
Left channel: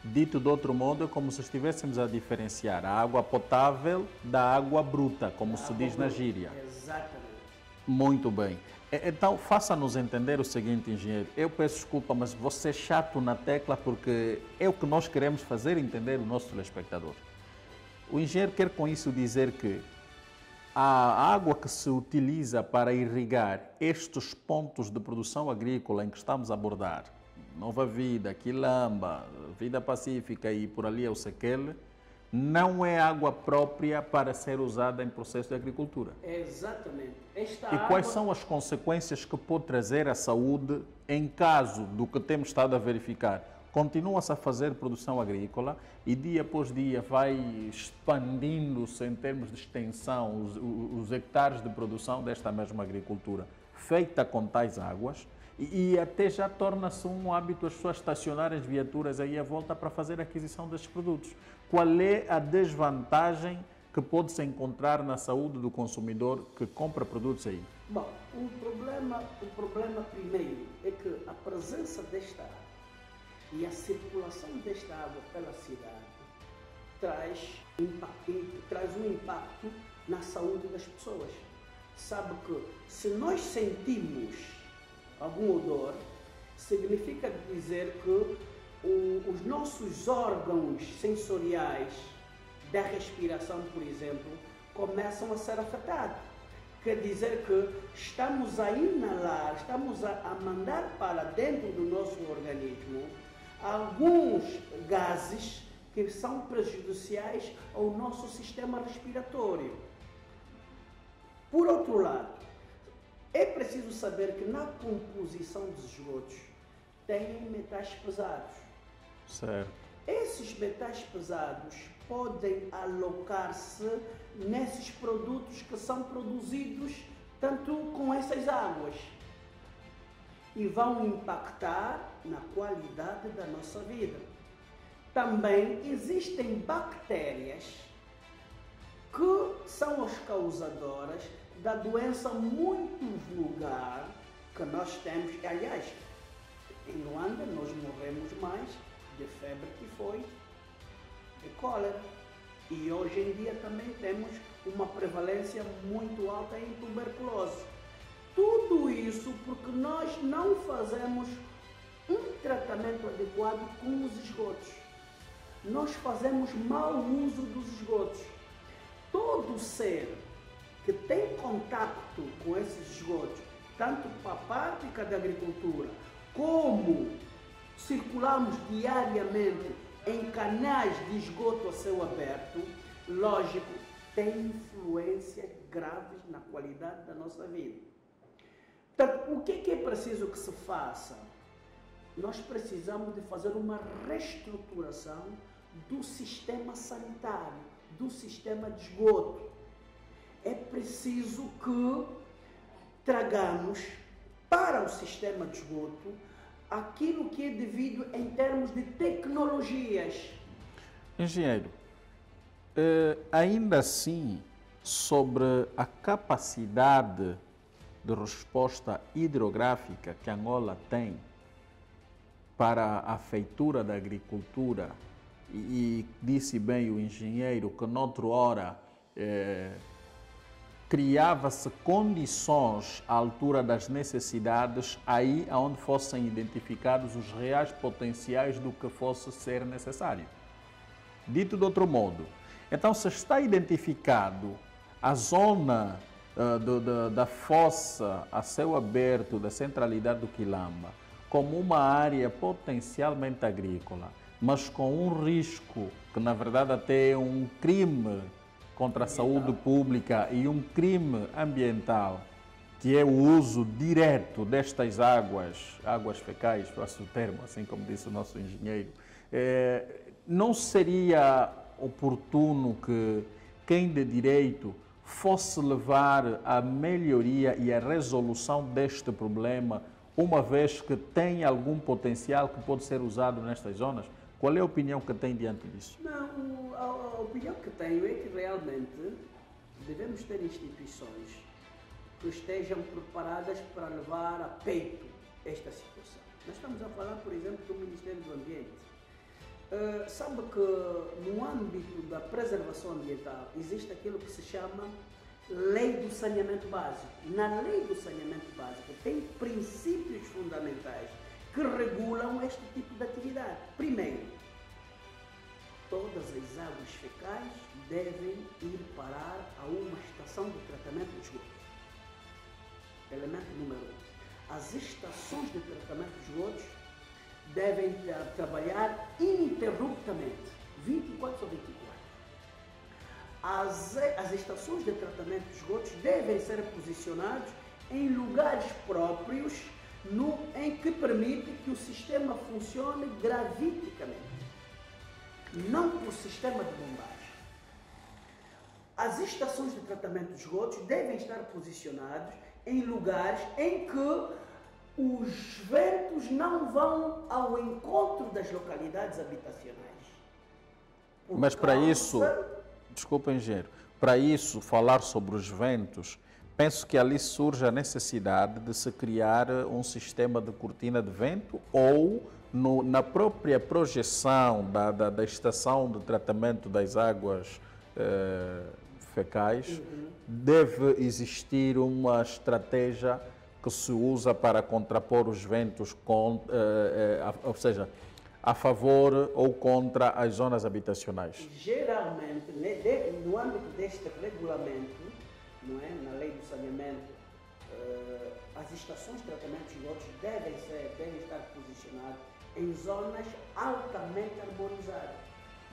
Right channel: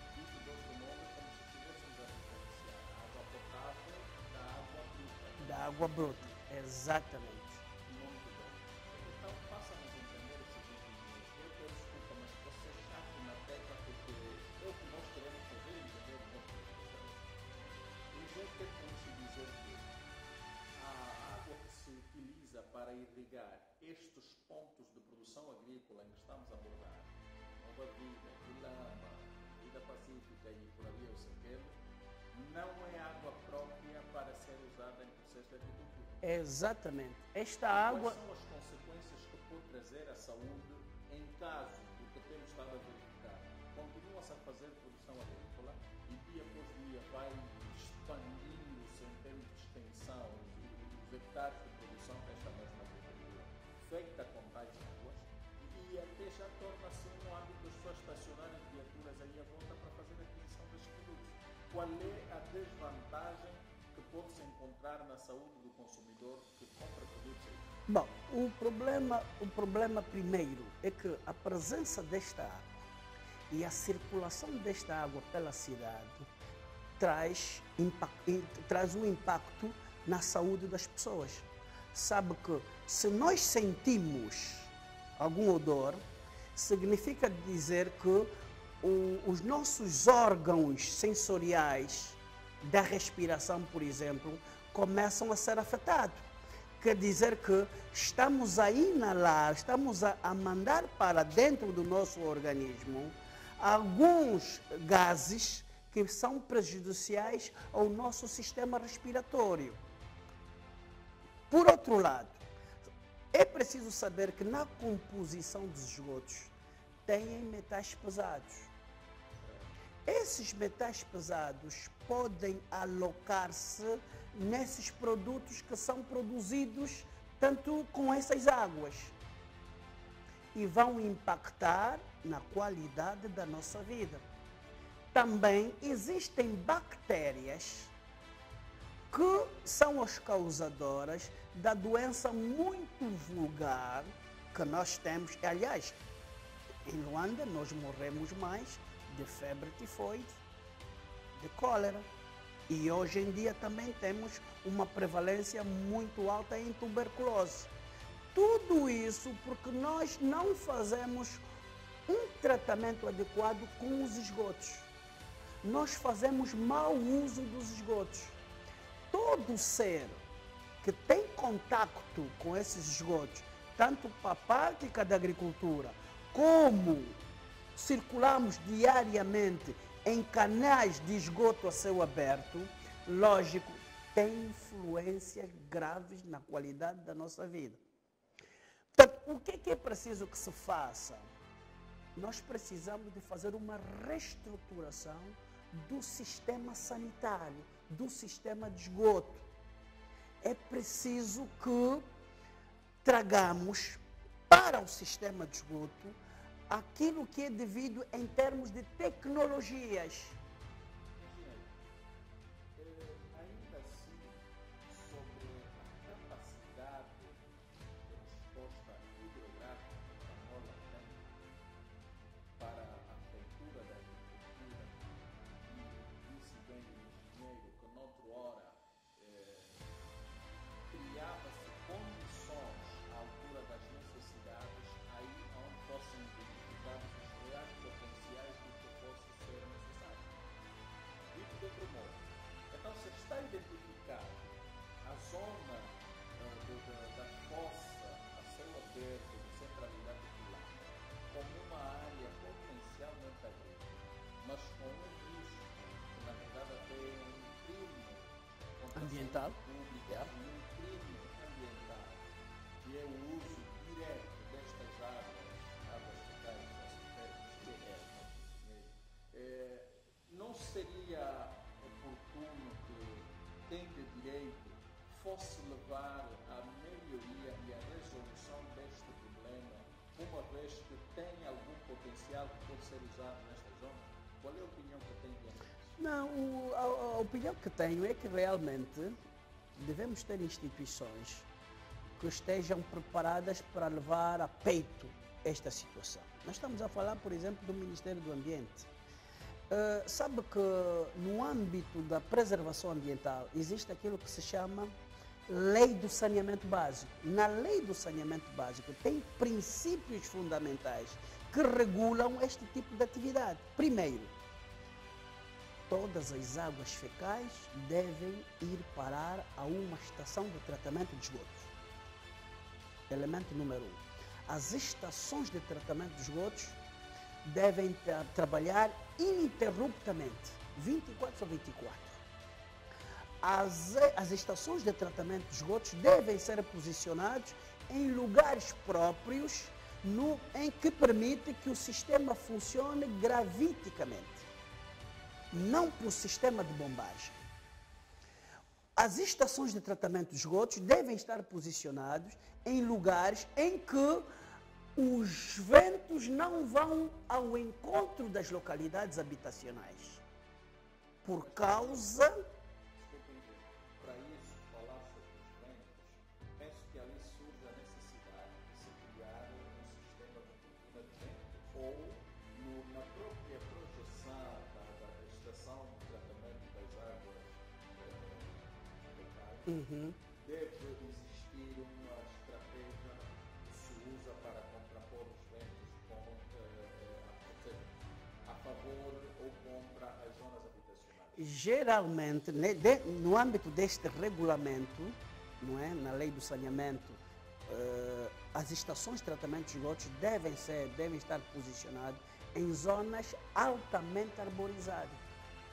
Dito de outro modo, é como se estivéssemos a diferenciar a água potável da água bruta, como se diz na gíria. Exatamente. Muito bem. Então, faça-nos entender o seguinte, engenheiro. Eu peço desculpa, mas vou ser chato na tecla porque é o que nós queremos fazer entender o nosso telespectador. O engenheiro quer com isso dizer que a água que se utiliza para irrigar estes pontos de produção agrícola em que estamos a abordar, Nova Vida, Quilamba, Vida Pacífica e por ali é o Sequele, não é água própria para ser usada em processo de agricultura. Exatamente. E quais são as consequências que pode trazer à saúde em caso do que temos estado a verificar? Continua-se a fazer produção agrícola e dia após dia vai expandindo-se em termos de extensão os hectares de produção desta mesma agricultura feita com tais águas E até já torna-se um hábito as pessoas estacionarem as viaturas aí à volta para fazer a aquisição destes produtos. Qual é a desvantagem que pode-se encontrar na saúde do consumidor que compra produtos aí? Bom, o problema primeiro é que a presença desta água e a circulação desta água pela cidade traz um impacto na saúde das pessoas. Sabe que se nós sentimos algum odor, significa dizer que os nossos órgãos sensoriais da respiração, por exemplo, começam a ser afetados. Quer dizer que estamos a inalar, estamos a mandar para dentro do nosso organismo alguns gases que são prejudiciais ao nosso sistema respiratório. Por outro lado, é preciso saber que na composição dos esgotos têm metais pesados. Certo. Esses metais pesados podem alocar-se nesses produtos que são produzidos tanto com essas águas e vão impactar na qualidade da nossa vida. Também existem bactérias que são as causadoras da doença muito vulgar que nós temos. Aliás, em Luanda nós morremos mais de febre tifoide, de cólera. E hoje em dia também temos uma prevalência muito alta em tuberculose. Tudo isso porque nós não fazemos um tratamento adequado com os esgotos. Nós fazemos mau uso dos esgotos. Todo ser que tem contacto com esses esgotos, tanto para a prática da agricultura, como circulamos diariamente em canais de esgoto a céu aberto, lógico, tem influências graves na qualidade da nossa vida. Então, o que é preciso que se faça? Nós precisamos de fazer uma reestruturação do sistema sanitário, do sistema de esgoto. É preciso que tragamos para o sistema de esgoto aquilo que é devido em termos de tecnologias. Engenheiro, ainda assim, sobre a capacidade de resposta hidrográfica que Angola tem para a feitura da agricultura, e disse bem o engenheiro que noutra hora criava-se condições à altura das necessidades, aí onde fossem identificados os reais potenciais do que fosse ser necessário. Dito de outro modo, então se está identificado a zona da fossa a céu aberto da centralidade do Quilamba como uma área potencialmente agrícola, mas com um risco que na verdade até é um crime contra a saúde pública e um crime ambiental, que é o uso direto destas águas fecais, passo o termo, assim como disse o nosso engenheiro, não seria oportuno que quem de direito fosse levar a melhoria e a resolução deste problema, uma vez que tem algum potencial que pode ser usado nestas zonas? Qual é a opinião que tem diante disso? Não, a opinião que tenho é que realmente devemos ter instituições que estejam preparadas para levar a peito esta situação. Nós estamos a falar, por exemplo, do Ministério do Ambiente. Sabe que no âmbito da preservação ambiental existe aquilo que se chama Lei do Saneamento Básico. Na Lei do Saneamento Básico tem princípios fundamentais que regulam este tipo de atividade. Primeiro, todas as águas fecais devem ir parar a uma estação de tratamento de esgotos. Elemento número 1. As estações de tratamento de esgotos devem trabalhar ininterruptamente, 24 sobre 24. As estações de tratamento de esgotos devem ser posicionadas em lugares próprios em que permite que o sistema funcione graviticamente, não por sistema de bombagem. As estações de tratamento de esgotos devem estar posicionadas em lugares em que os ventos não vão ao encontro das localidades habitacionais. Mas para isso, desculpa, engenheiro, para isso, falar sobre os ventos, penso que ali surge a necessidade de se criar um sistema de cortina de vento ou na própria projeção da estação de tratamento das águas fecais, deve existir uma estratégia que se usa para contrapor os ventos, ou seja, a favor ou contra as zonas habitacionais? Geralmente, no âmbito deste regulamento, não é? Na lei do saneamento, as estações de tratamento de esgotos devem estar posicionadas em zonas altamente arborizadas.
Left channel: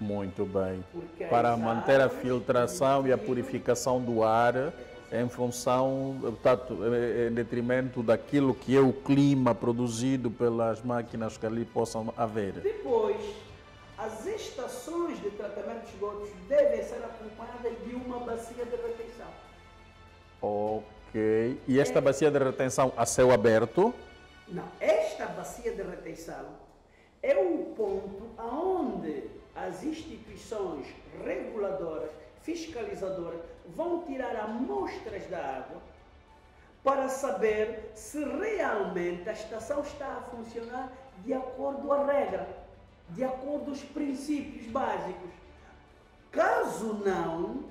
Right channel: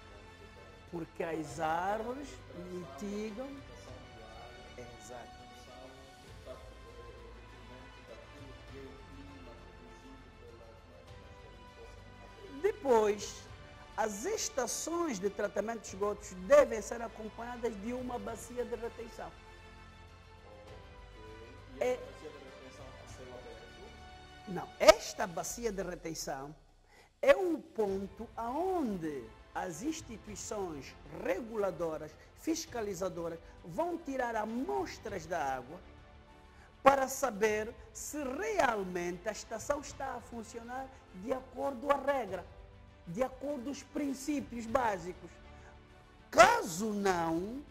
Muito bem. Para manter a filtração e a purificação do ar em função, portanto, em detrimento daquilo que é o clima produzido pelas máquinas que ali possam haver. Depois, as estações de tratamento de esgotos devem ser acompanhadas de uma bacia de retenção. Ok. E esta bacia de retenção a céu aberto? Não. Esta bacia de retenção é um ponto onde as instituições reguladoras, fiscalizadoras, vão tirar amostras da água para saber se realmente a estação está a funcionar de acordo à regra, de acordo aos princípios básicos. Caso não,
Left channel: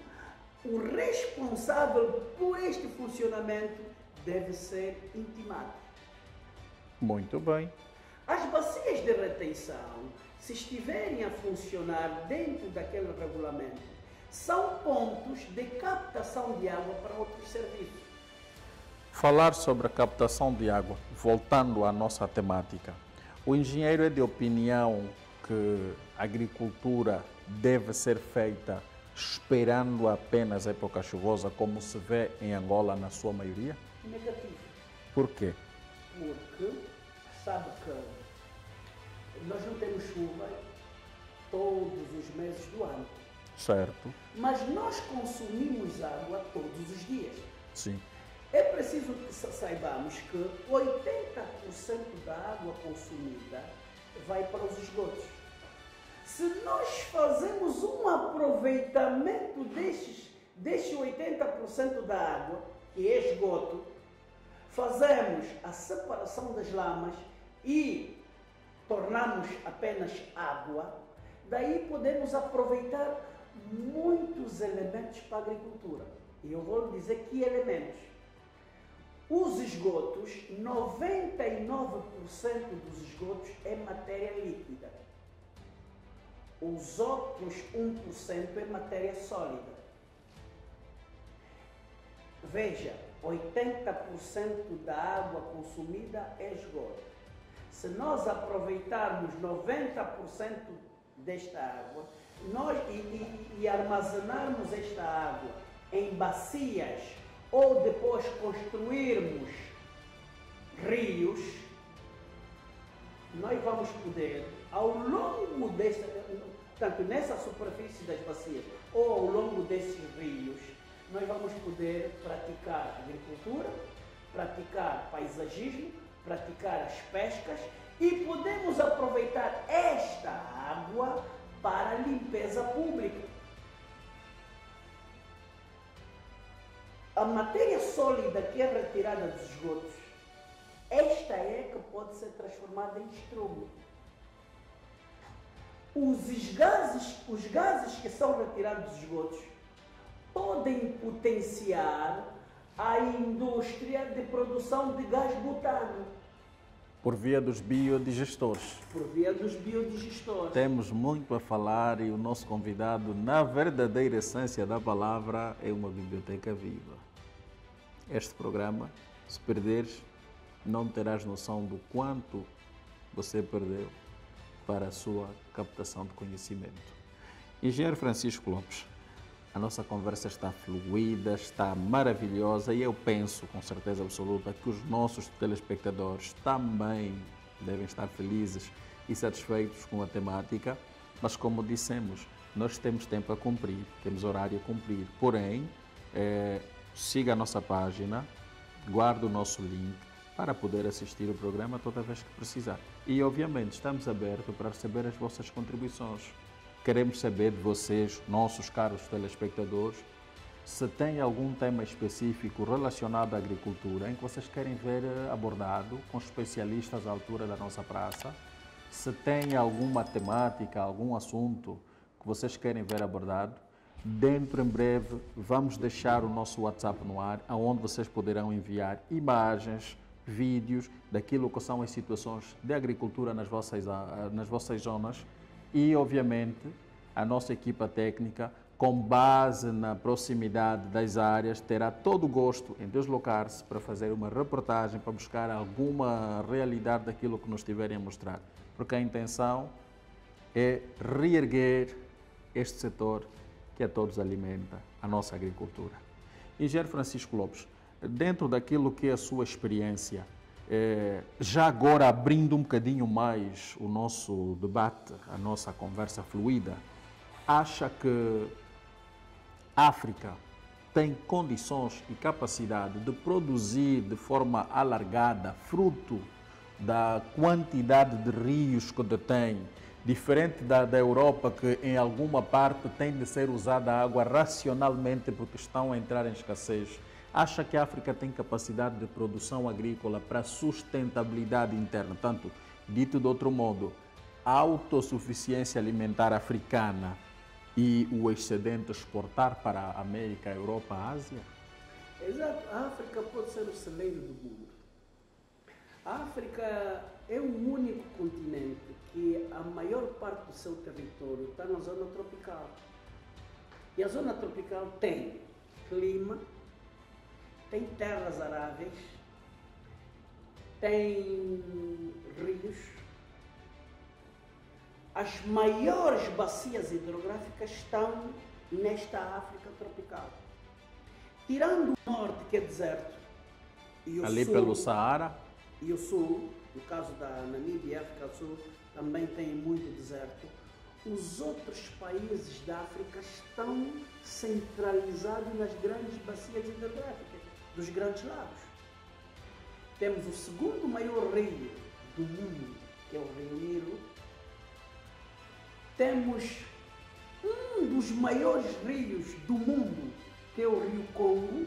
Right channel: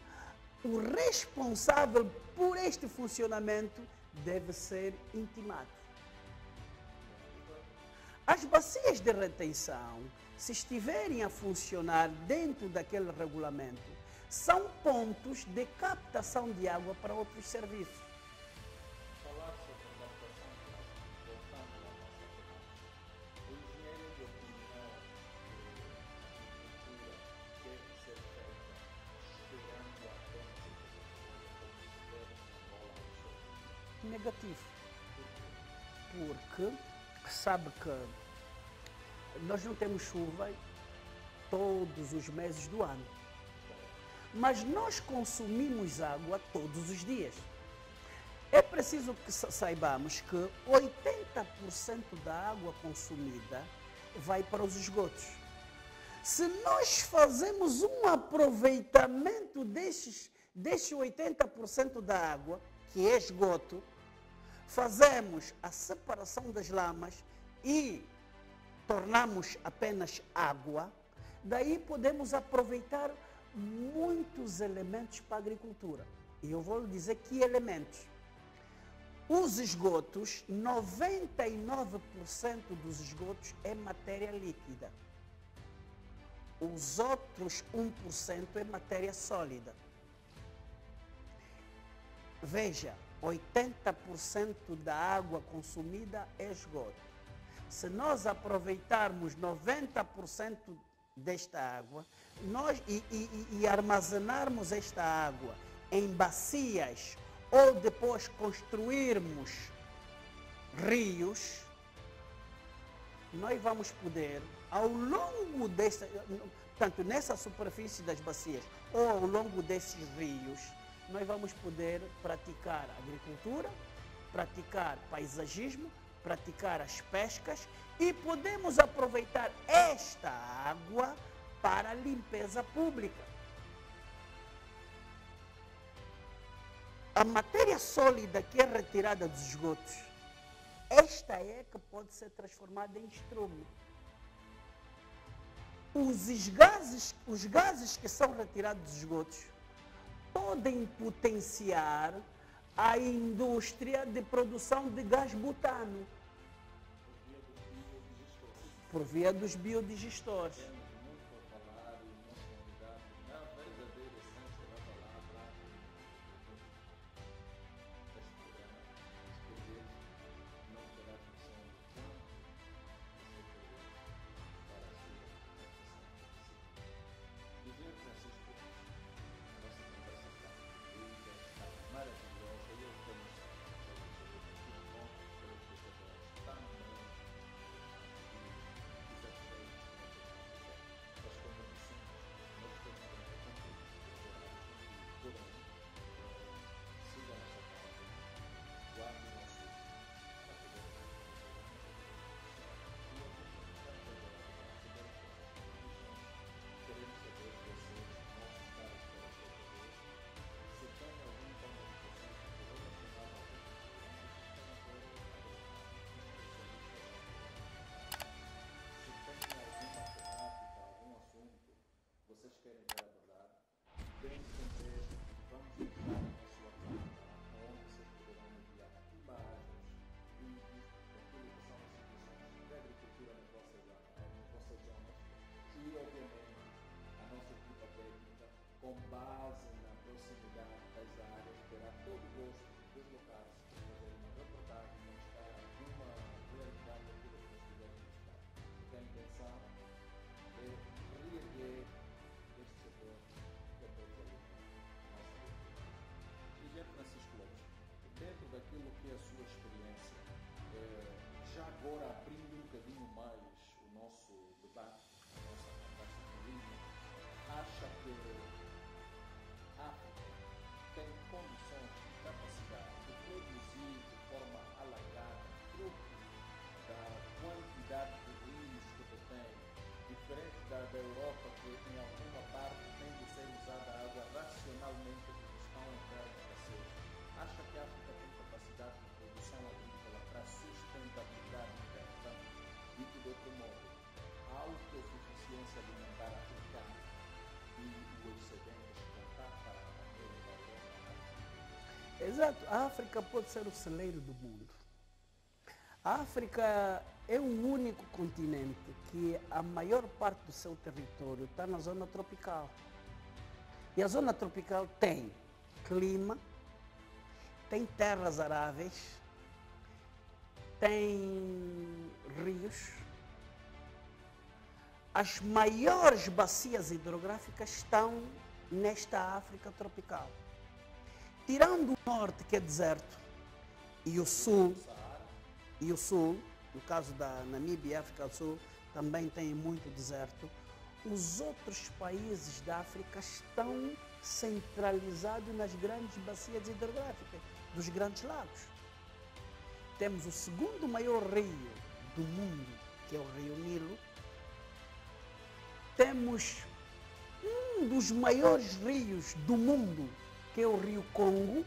o responsável por este funcionamento deve ser intimado. Muito bem. As bacias de retenção, se estiverem a funcionar dentro daquele regulamento, são pontos de captação de água para outros serviços. Falar sobre a captação de água, voltando à nossa temática, o engenheiro é de opinião que a agricultura deve ser feita esperando apenas a época chuvosa, como se vê em Angola na sua maioria? Negativo. Por quê? Porque sabe que nós não temos chuva todos os meses do ano. Certo. Mas nós consumimos água todos os dias. Sim. É preciso que saibamos que 80% da água consumida vai para os esgotos. Se nós fazemos um aproveitamento destes 80% da água, que é esgoto, fazemos a separação das lamas e tornamos apenas água, daí podemos aproveitar muitos elementos para a agricultura. E eu vou lhe dizer que elementos. Os esgotos, 99% dos esgotos é matéria líquida. Os outros 1% é matéria sólida. Veja, 80% da água consumida é esgoto. Se nós aproveitarmos 90% desta água e armazenarmos esta água em bacias ou depois construirmos rios, nós vamos poder, ao longo tanto nessa superfície das bacias ou ao longo desses rios, nós vamos poder praticar agricultura, praticar paisagismo, praticar as pescas e podemos aproveitar esta água para a limpeza pública. A matéria sólida que é retirada dos esgotos, esta é que pode ser transformada em estrumo. Os gases que são retirados dos esgotos podem potenciar a indústria de produção de gás butano. Por via dos biodigestores. Por via dos biodigestores. Temos muito a falar e o nosso convidado, na verdadeira essência da palavra, é uma biblioteca viva. Este programa, se perderes, não terás noção do quanto você perdeu para a sua captação de conhecimento. Engenheiro Francisco Lopes, a nossa conversa está fluida, está maravilhosa e eu penso, com certeza absoluta, que os nossos telespectadores também devem estar felizes e satisfeitos com a temática, mas como dissemos, nós temos tempo a cumprir, temos horário a cumprir, porém, siga a nossa página, guarde o nosso link para poder assistir o programa toda vez que precisar. E, obviamente, estamos abertos para receber as vossas contribuições. Queremos saber de vocês, nossos caros telespectadores, se tem algum tema específico relacionado à agricultura em que vocês querem ver abordado com especialistas à altura da nossa praça, se tem alguma temática, algum assunto que vocês querem ver abordado, dentro em breve vamos deixar o nosso WhatsApp no ar, onde vocês poderão enviar imagens, vídeos daquilo que são as situações de agricultura nas vossas zonas e, obviamente, a nossa equipa técnica, com base na proximidade das áreas, terá todo o gosto em deslocar-se para fazer uma reportagem, para buscar alguma realidade daquilo que nos estiverem a mostrar. Porque a intenção é reerguer este setor que a todos alimenta, a nossa agricultura. Engenheiro Francisco Lopes, dentro daquilo que é a sua experiência, já agora abrindo um bocadinho mais o nosso debate, a nossa conversa fluida, acha que a África tem condições e capacidade de produzir de forma alargada, fruto da quantidade de rios que detém, diferente da Europa, que em alguma parte tem de ser usada a água racionalmente porque estão a entrar em escassez? Acha que a África tem capacidade de produção agrícola para sustentabilidade interna? Tanto, dito de outro modo, a autossuficiência alimentar africana e o excedente exportar para a América, a Europa, a Ásia? Exato. A África pode ser o celeiro do mundo. A África é o único continente que a maior parte do seu território está na zona tropical. E a zona tropical tem clima, tem terras aráveis, tem rios. As maiores bacias hidrográficas estão nesta África tropical. Tirando o norte, que é deserto, e o ali sul, pelo Saara, e o sul, no caso da Namíbia e África do Sul, também tem muito deserto. Os outros países da África estão centralizados nas grandes bacias hidrográficas, dos grandes lagos. Temos o segundo maior rio do mundo, que é o Rio Nilo. Temos um dos maiores rios do mundo, que é o Rio Congo.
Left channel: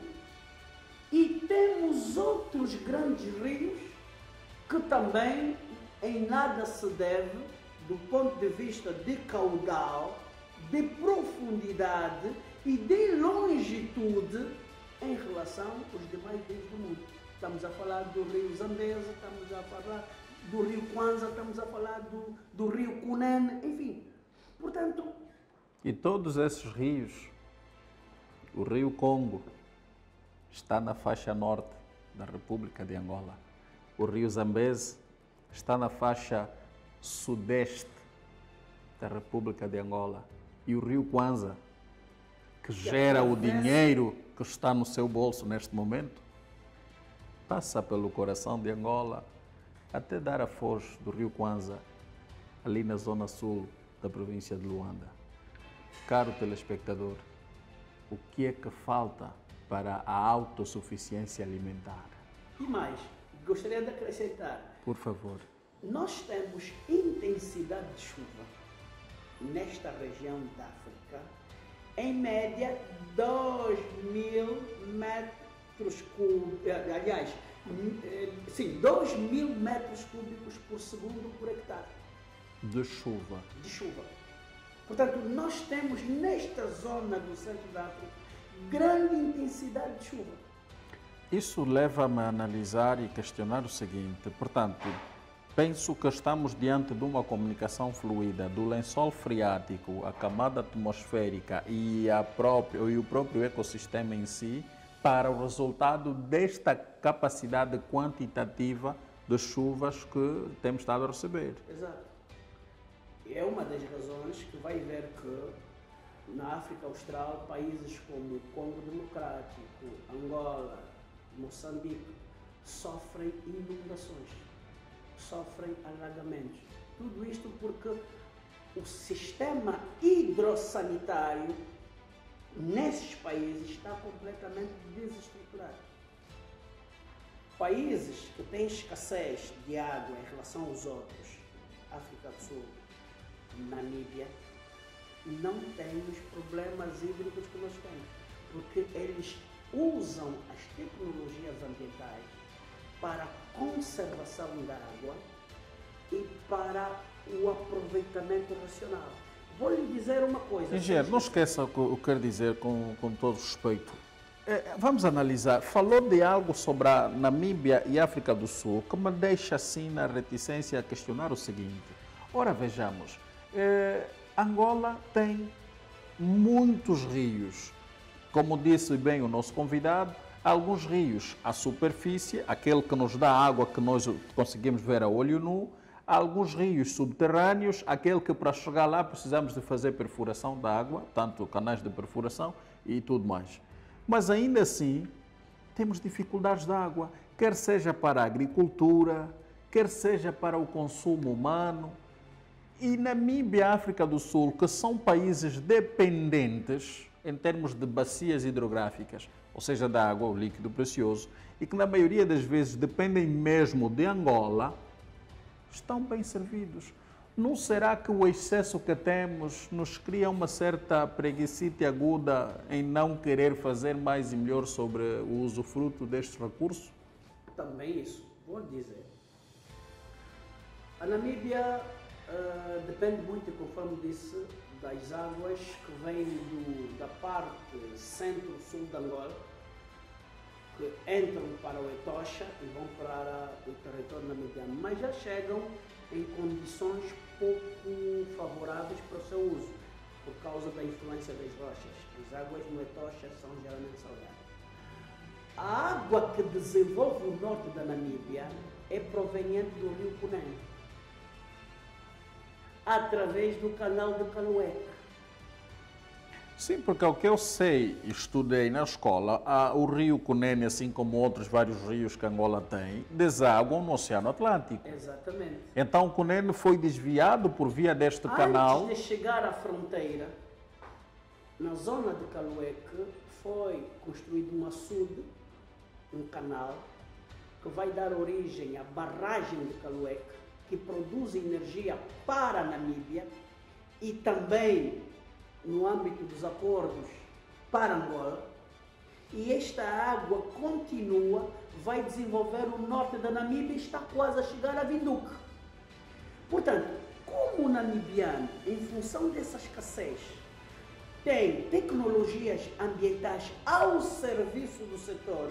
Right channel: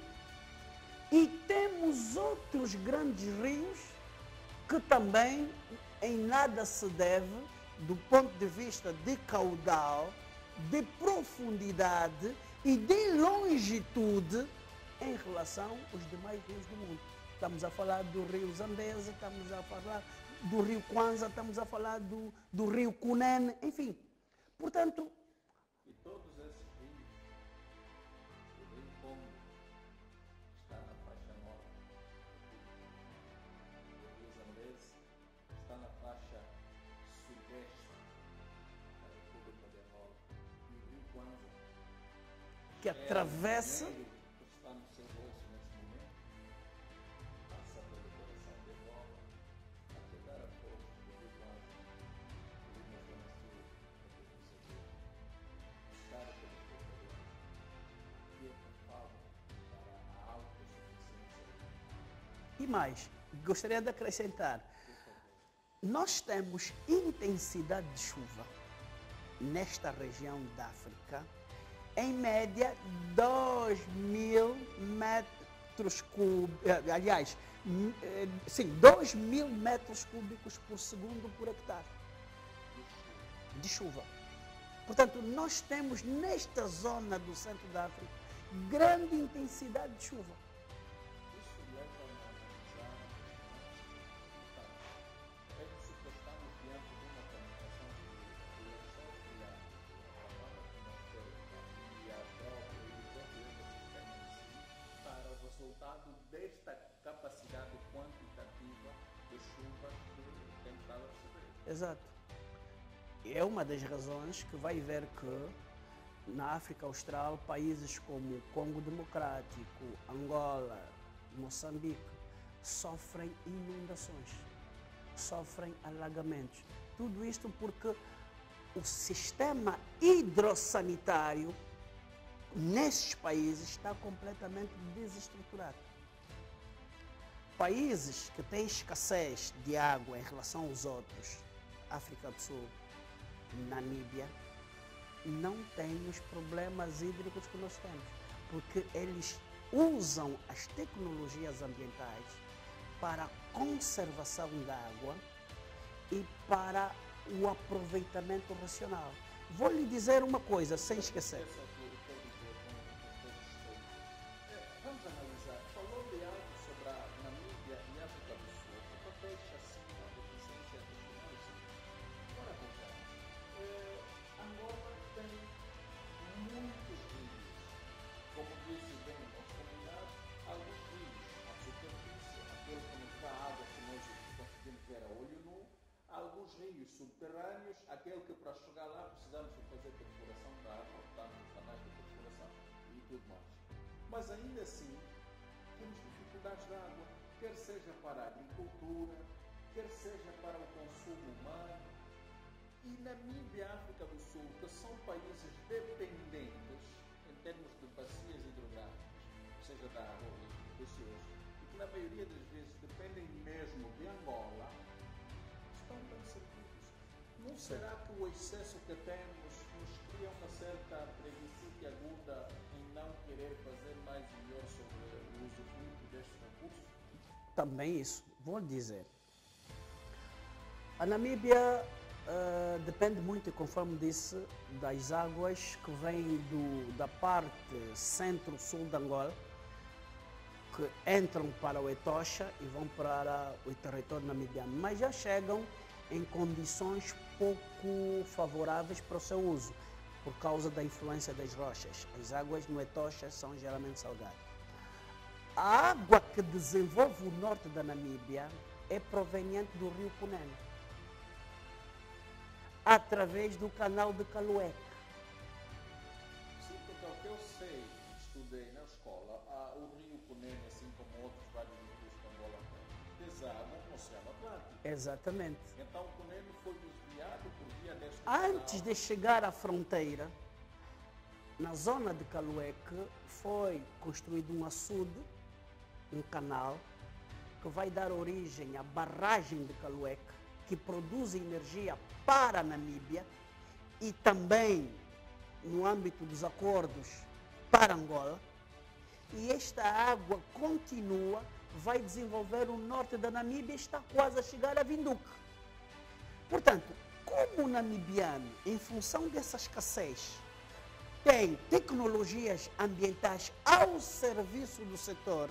E temos outros grandes rios que também em nada se deve, do ponto de vista de caudal, de profundidade e de longitude em relação aos demais rios do mundo. Estamos a falar do rio Zambeze, estamos a falar do rio Kwanza, estamos a falar do rio Cunene, enfim. Portanto... E todos esses rios, o rio Congo está na faixa norte da República de Angola. O rio Zambeze está na faixa sudeste da República de Angola. E o rio Kwanza, que gera o dinheiro que está no seu bolso neste momento, passa pelo coração de Angola até dar a foz do rio Kwanza, ali na zona sul da província de Luanda. Caro telespectador, o que é que falta para a autossuficiência alimentar? E mais, gostaria de acrescentar. Por favor. Nós temos intensidade de chuva nesta região da África, em média 2.000 metros cúbicos, aliás, sim, 2.000 metros cúbicos por segundo por hectare. De chuva. De chuva. Portanto, nós temos nesta zona do centro da África grande intensidade de chuva. Isso leva-me a analisar e questionar o seguinte, portanto, penso que estamos diante de uma comunicação fluida do lençol freático, a camada atmosférica e o próprio ecossistema em si, para o resultado desta capacidade quantitativa de chuvas que temos estado a receber. Exato. É uma das razões que vai ver que na África Austral, países como Congo Democrático, Angola, Moçambique, sofrem inundações, sofrem alagamentos. Tudo isto porque o sistema hidrossanitário nesses países está completamente desestruturado. países que têm escassez de água em relação aos outros, África do Sul, Namíbia, não têm os problemas hídricos que nós temos, porque eles usam as tecnologias ambientais para a conservação da água e para o aproveitamento racional. Vou lhe dizer uma coisa. Engenheiro, não esqueça o que eu quero dizer com todo respeito. Vamos analisar. Falou de algo sobre a Namíbia e África do Sul que me deixa assim na reticência a questionar o seguinte. Ora, vejamos. Angola tem muitos rios. Como disse bem o nosso convidado, alguns rios à superfície, aquele que nos dá água que nós conseguimos ver a olho nu, alguns rios subterrâneos, aquele que para chegar lá precisamos de fazer perfuração da água, tanto canais de perfuração e tudo mais. Mas ainda assim, temos dificuldades de água, quer seja para a agricultura, quer seja para o consumo humano. E Namíbia e África do Sul, que são países dependentes em termos de bacias hidrográficas, ou seja, da água, o líquido precioso, e que na maioria das vezes dependem mesmo de Angola, estão bem servidos. Não será que o excesso que temos nos cria uma certa preguicite aguda em não querer fazer mais e melhor sobre o usufruto destes recursos? Também isso, vou dizer. A Namíbia depende muito, conforme disse, das águas que vêm da parte centro-sul de Angola, que entram para o Etosha e vão para o território namibiano, mas já chegam em condições pouco favoráveis para o seu uso, por causa da influência das rochas. As águas no Etosha são geralmente salgadas. A água que desenvolve o norte da Namíbia é proveniente do rio Cunene, através do canal de Calueca. Sim, porque o que eu sei e estudei na escola, o rio Cunene, assim como outros vários rios que Angola tem, desaguam no Oceano Atlântico. Exatamente. Então o Cunene foi desviado por via deste canal. Antes de chegar à fronteira, na zona de Calueca, foi construído um açude, um canal, que vai dar origem à barragem de Calueca, que produz energia para a Namíbia e também no âmbito dos acordos para Angola, e esta água continua, vai desenvolver o norte da Namíbia e está quase a chegar a Vinduque. Portanto, como o namibiano, em função dessa escassez, tem tecnologias ambientais ao serviço do setor,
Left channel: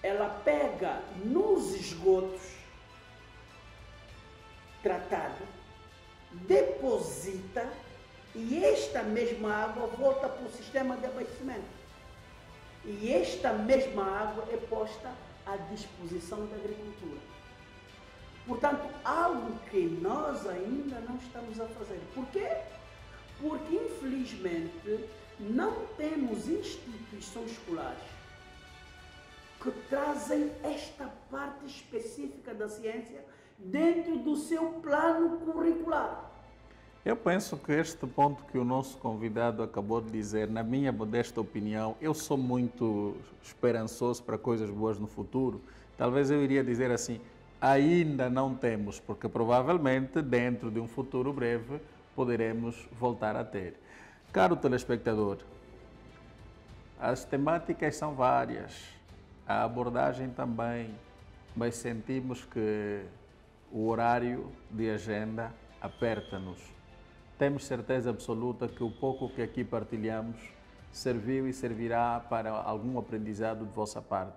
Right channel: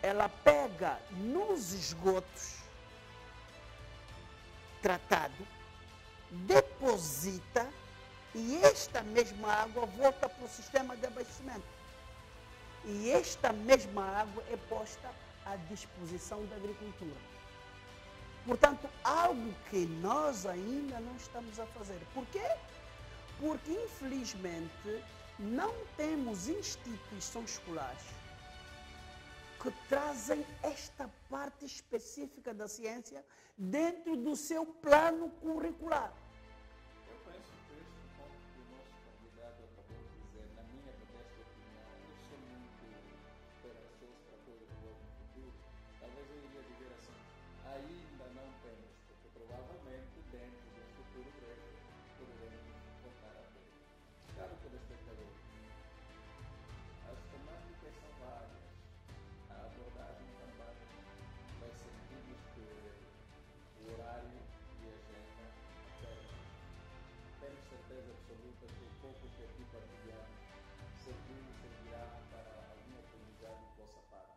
ela pega nos esgotos tratados, deposita, e esta mesma água volta para o sistema de abastecimento. E esta mesma água é posta à disposição da agricultura. Portanto, algo que nós ainda não estamos a fazer. Por quê? Porque, infelizmente, não temos instituições escolares que trazem esta parte específica da ciência dentro do seu plano curricular. Eu penso que este ponto que o nosso convidado acabou de dizer, na minha modesta opinião, eu sou muito esperançoso para coisas boas no futuro. Talvez eu iria dizer assim, ainda não temos, porque provavelmente dentro de um futuro breve poderemos voltar a ter. Caro telespectador, as temáticas são várias, a abordagem também, mas sentimos que o horário de agenda aperta-nos. Temos certeza absoluta que o pouco que aqui partilhamos serviu e servirá para algum aprendizado de vossa parte.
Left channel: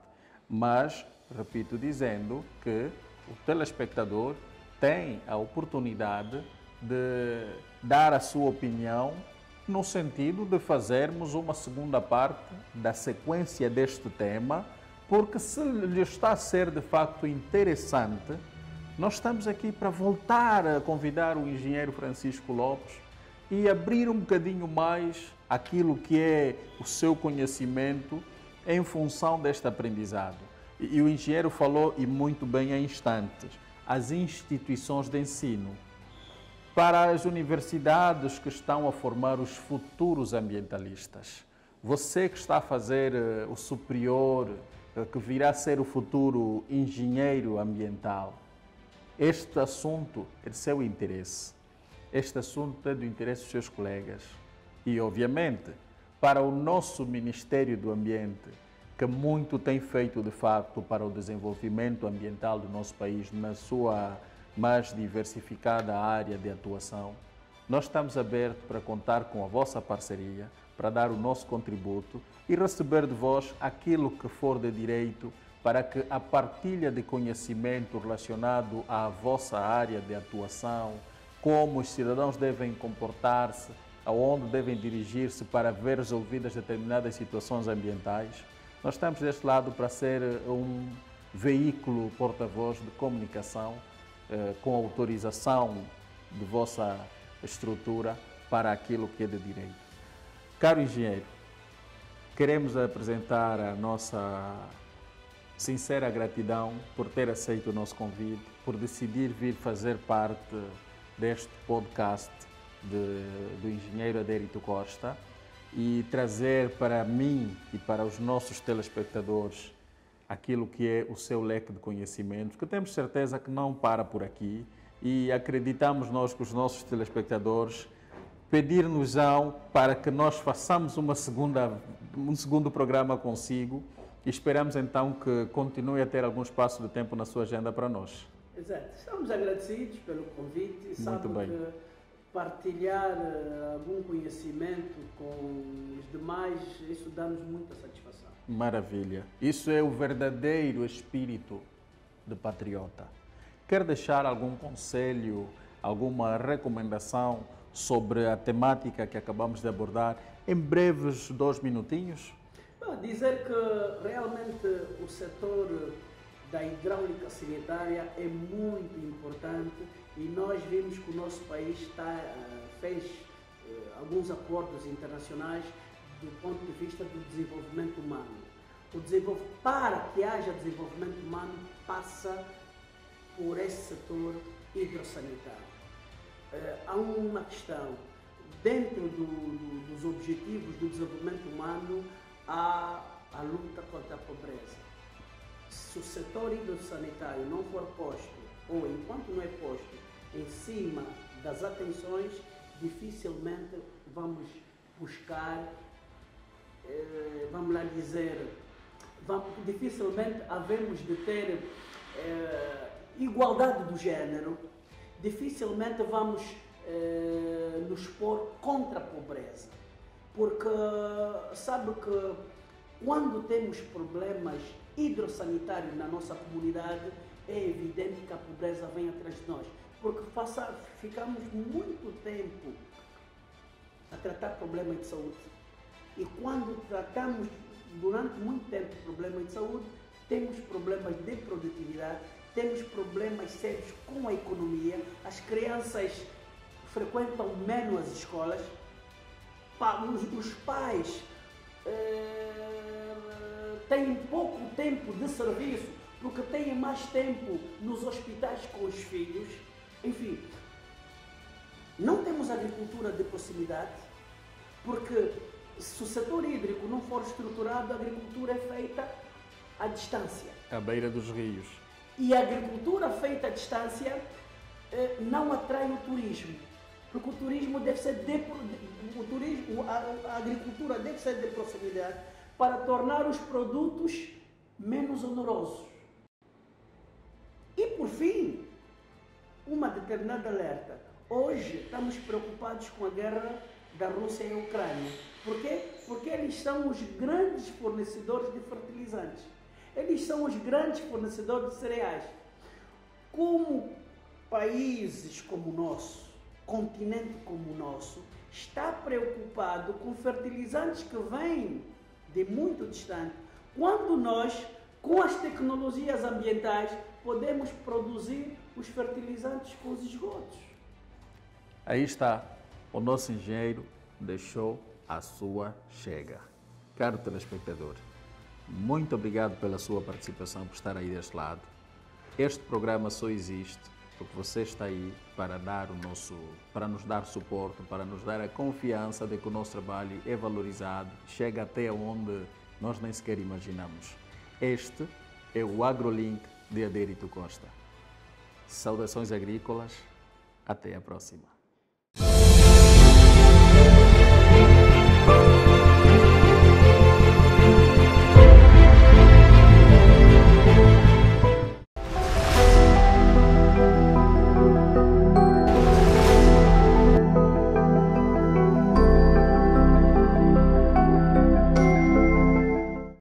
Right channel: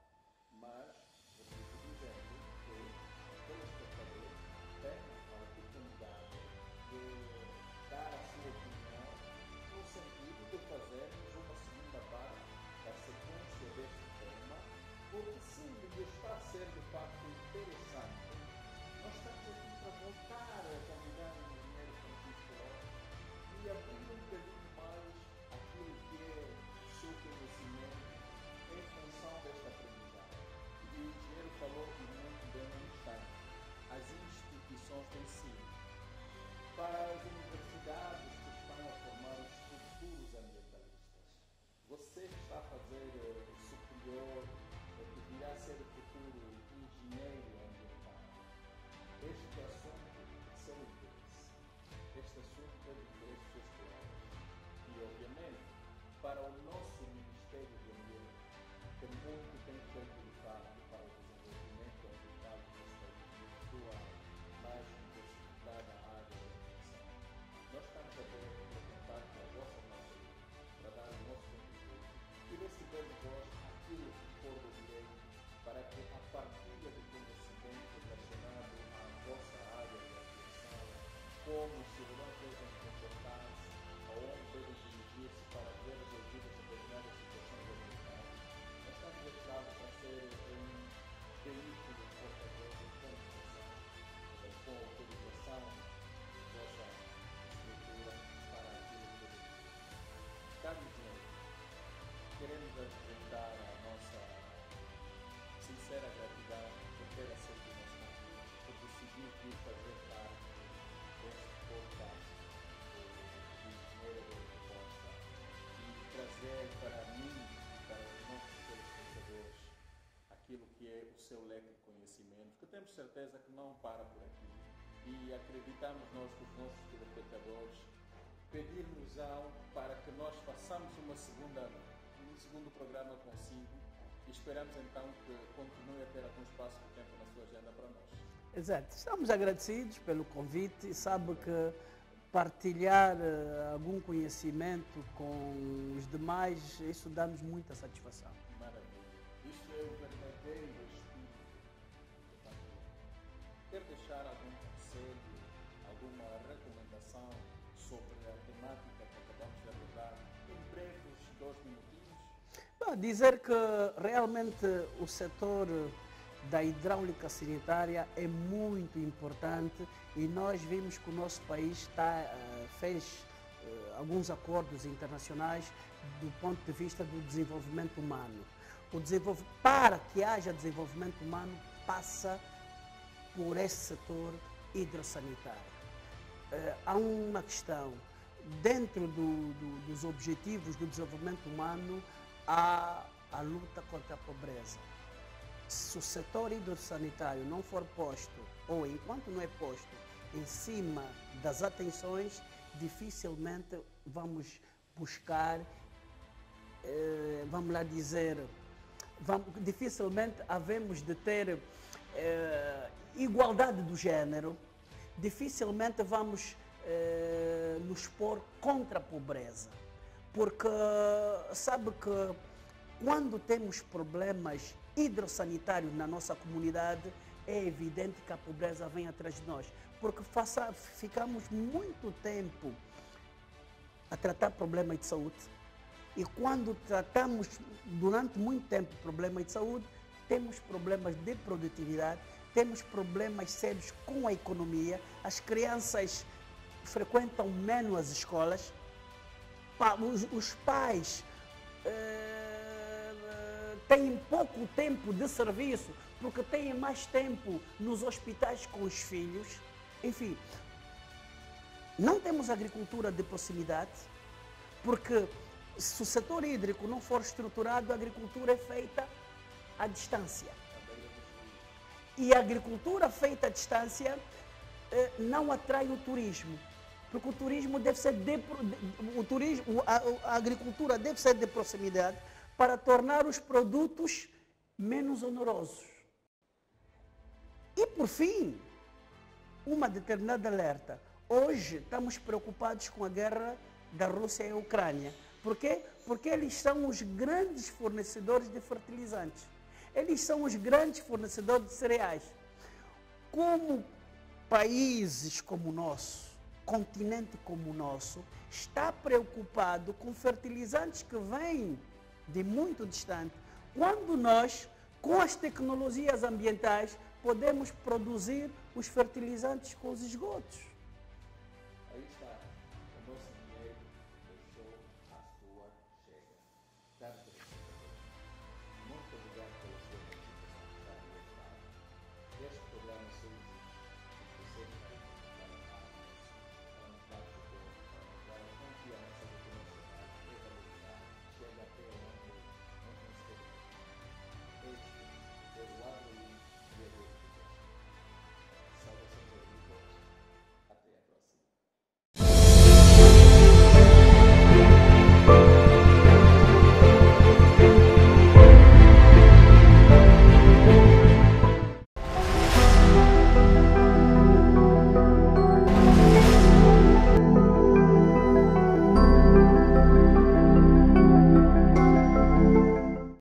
Mas, repito dizendo que o telespectador tem a oportunidade de dar a sua opinião no sentido de fazermos uma segunda parte da sequência deste tema, porque se lhe está a ser de facto interessante, nós estamos aqui para voltar a convidar o engenheiro Francisco Lopes e abrir um bocadinho mais aquilo que é o seu conhecimento em função deste aprendizado. E o engenheiro falou, e muito bem, há instantes, as instituições de ensino. Para as universidades que estão a formar os futuros ambientalistas, você que está a fazer o superior que virá a ser o futuro engenheiro ambiental, este assunto é de seu interesse. Este assunto é do interesse dos seus colegas. E, obviamente, para o nosso Ministério do Ambiente, que muito tem feito, de facto, para o desenvolvimento ambiental do nosso país, na sua mais diversificada área de atuação, nós estamos abertos para contar com a vossa parceria, para dar o nosso contributo e receber de vós aquilo que for de direito para que a partilha de conhecimento relacionado à vossa área de atuação, como os cidadãos devem comportar-se, aonde devem dirigir-se para ver resolvidas determinadas situações ambientais, nós estamos deste lado para ser um veículo porta-voz de comunicação com autorização de vossa estrutura para aquilo que é de direito. Caro engenheiro, queremos apresentar a nossa sincera gratidão por ter aceito o nosso convite, por decidir vir fazer parte deste podcast do engenheiro Adérito Costa e trazer para mim e para os nossos telespectadores aquilo que é o seu leque de conhecimentos, que temos certeza que não para por aqui e acreditamos nós que os nossos telespectadores pedir-nos-ão para que nós façamos um segundo programa consigo e esperamos então que continue a ter algum espaço de tempo na sua agenda para nós. Exato. Estamos agradecidos pelo convite e sabe que partilhar algum conhecimento com os demais, isso dá-nos muita satisfação. Maravilha. Isso é o verdadeiro espírito de patriota. Quer deixar algum conselho, alguma recomendação sobre a temática que acabamos de abordar em breves 2 minutinhos? Dizer que realmente o setor da hidráulica sanitária é muito importante e nós vimos que o nosso país fez alguns acordos internacionais do ponto de vista do desenvolvimento humano. Para que haja desenvolvimento humano, passa por esse setor hidrossanitário. Há uma questão, dentro dos objetivos do desenvolvimento humano, há a luta contra a pobreza. Se o setor hidrossanitário não for posto, ou enquanto não é posto, em cima das atenções, dificilmente vamos buscar, vamos lá dizer, dificilmente havemos de ter igualdade do género, dificilmente vamos nos pôr contra a pobreza. Porque sabe que quando temos problemas hidrossanitários na nossa comunidade, é evidente que a pobreza vem atrás de nós. Porque ficamos muito tempo a tratar problemas de saúde. E quando tratamos durante muito tempo problemas de saúde, temos problemas de produtividade, temos problemas sérios com a economia, as crianças frequentam menos as escolas, os pais têm pouco tempo de serviço porque têm mais tempo nos hospitais com os filhos. Enfim, não temos agricultura de proximidade, porque se o setor hídrico não for estruturado, a agricultura é feita à distância. À beira dos rios. E a agricultura feita à distância não atrai o turismo, porque o turismo deve ser a agricultura deve ser de proximidade para tornar os produtos menos onerosos. E por fim, uma determinada alerta. Hoje estamos preocupados com a guerra da Rússia e Ucrânia. Por quê? Porque eles são os grandes fornecedores de fertilizantes. Eles são os grandes fornecedores de cereais. Como países como o nosso, continente como o nosso, está preocupado com fertilizantes que vêm de muito distante, quando nós, com as tecnologias ambientais, podemos produzir os fertilizantes com os esgotos. Aí está, o nosso engenheiro deixou a sua chega. Caro telespectador, muito obrigado pela sua participação, por estar aí deste lado. Este programa só existe porque você está aí para nos dar suporte, para nos dar a confiança de que o nosso trabalho é valorizado, chega até onde nós nem sequer imaginamos. Este é o AgroLink de Adérito Costa. Saudações agrícolas, até a próxima.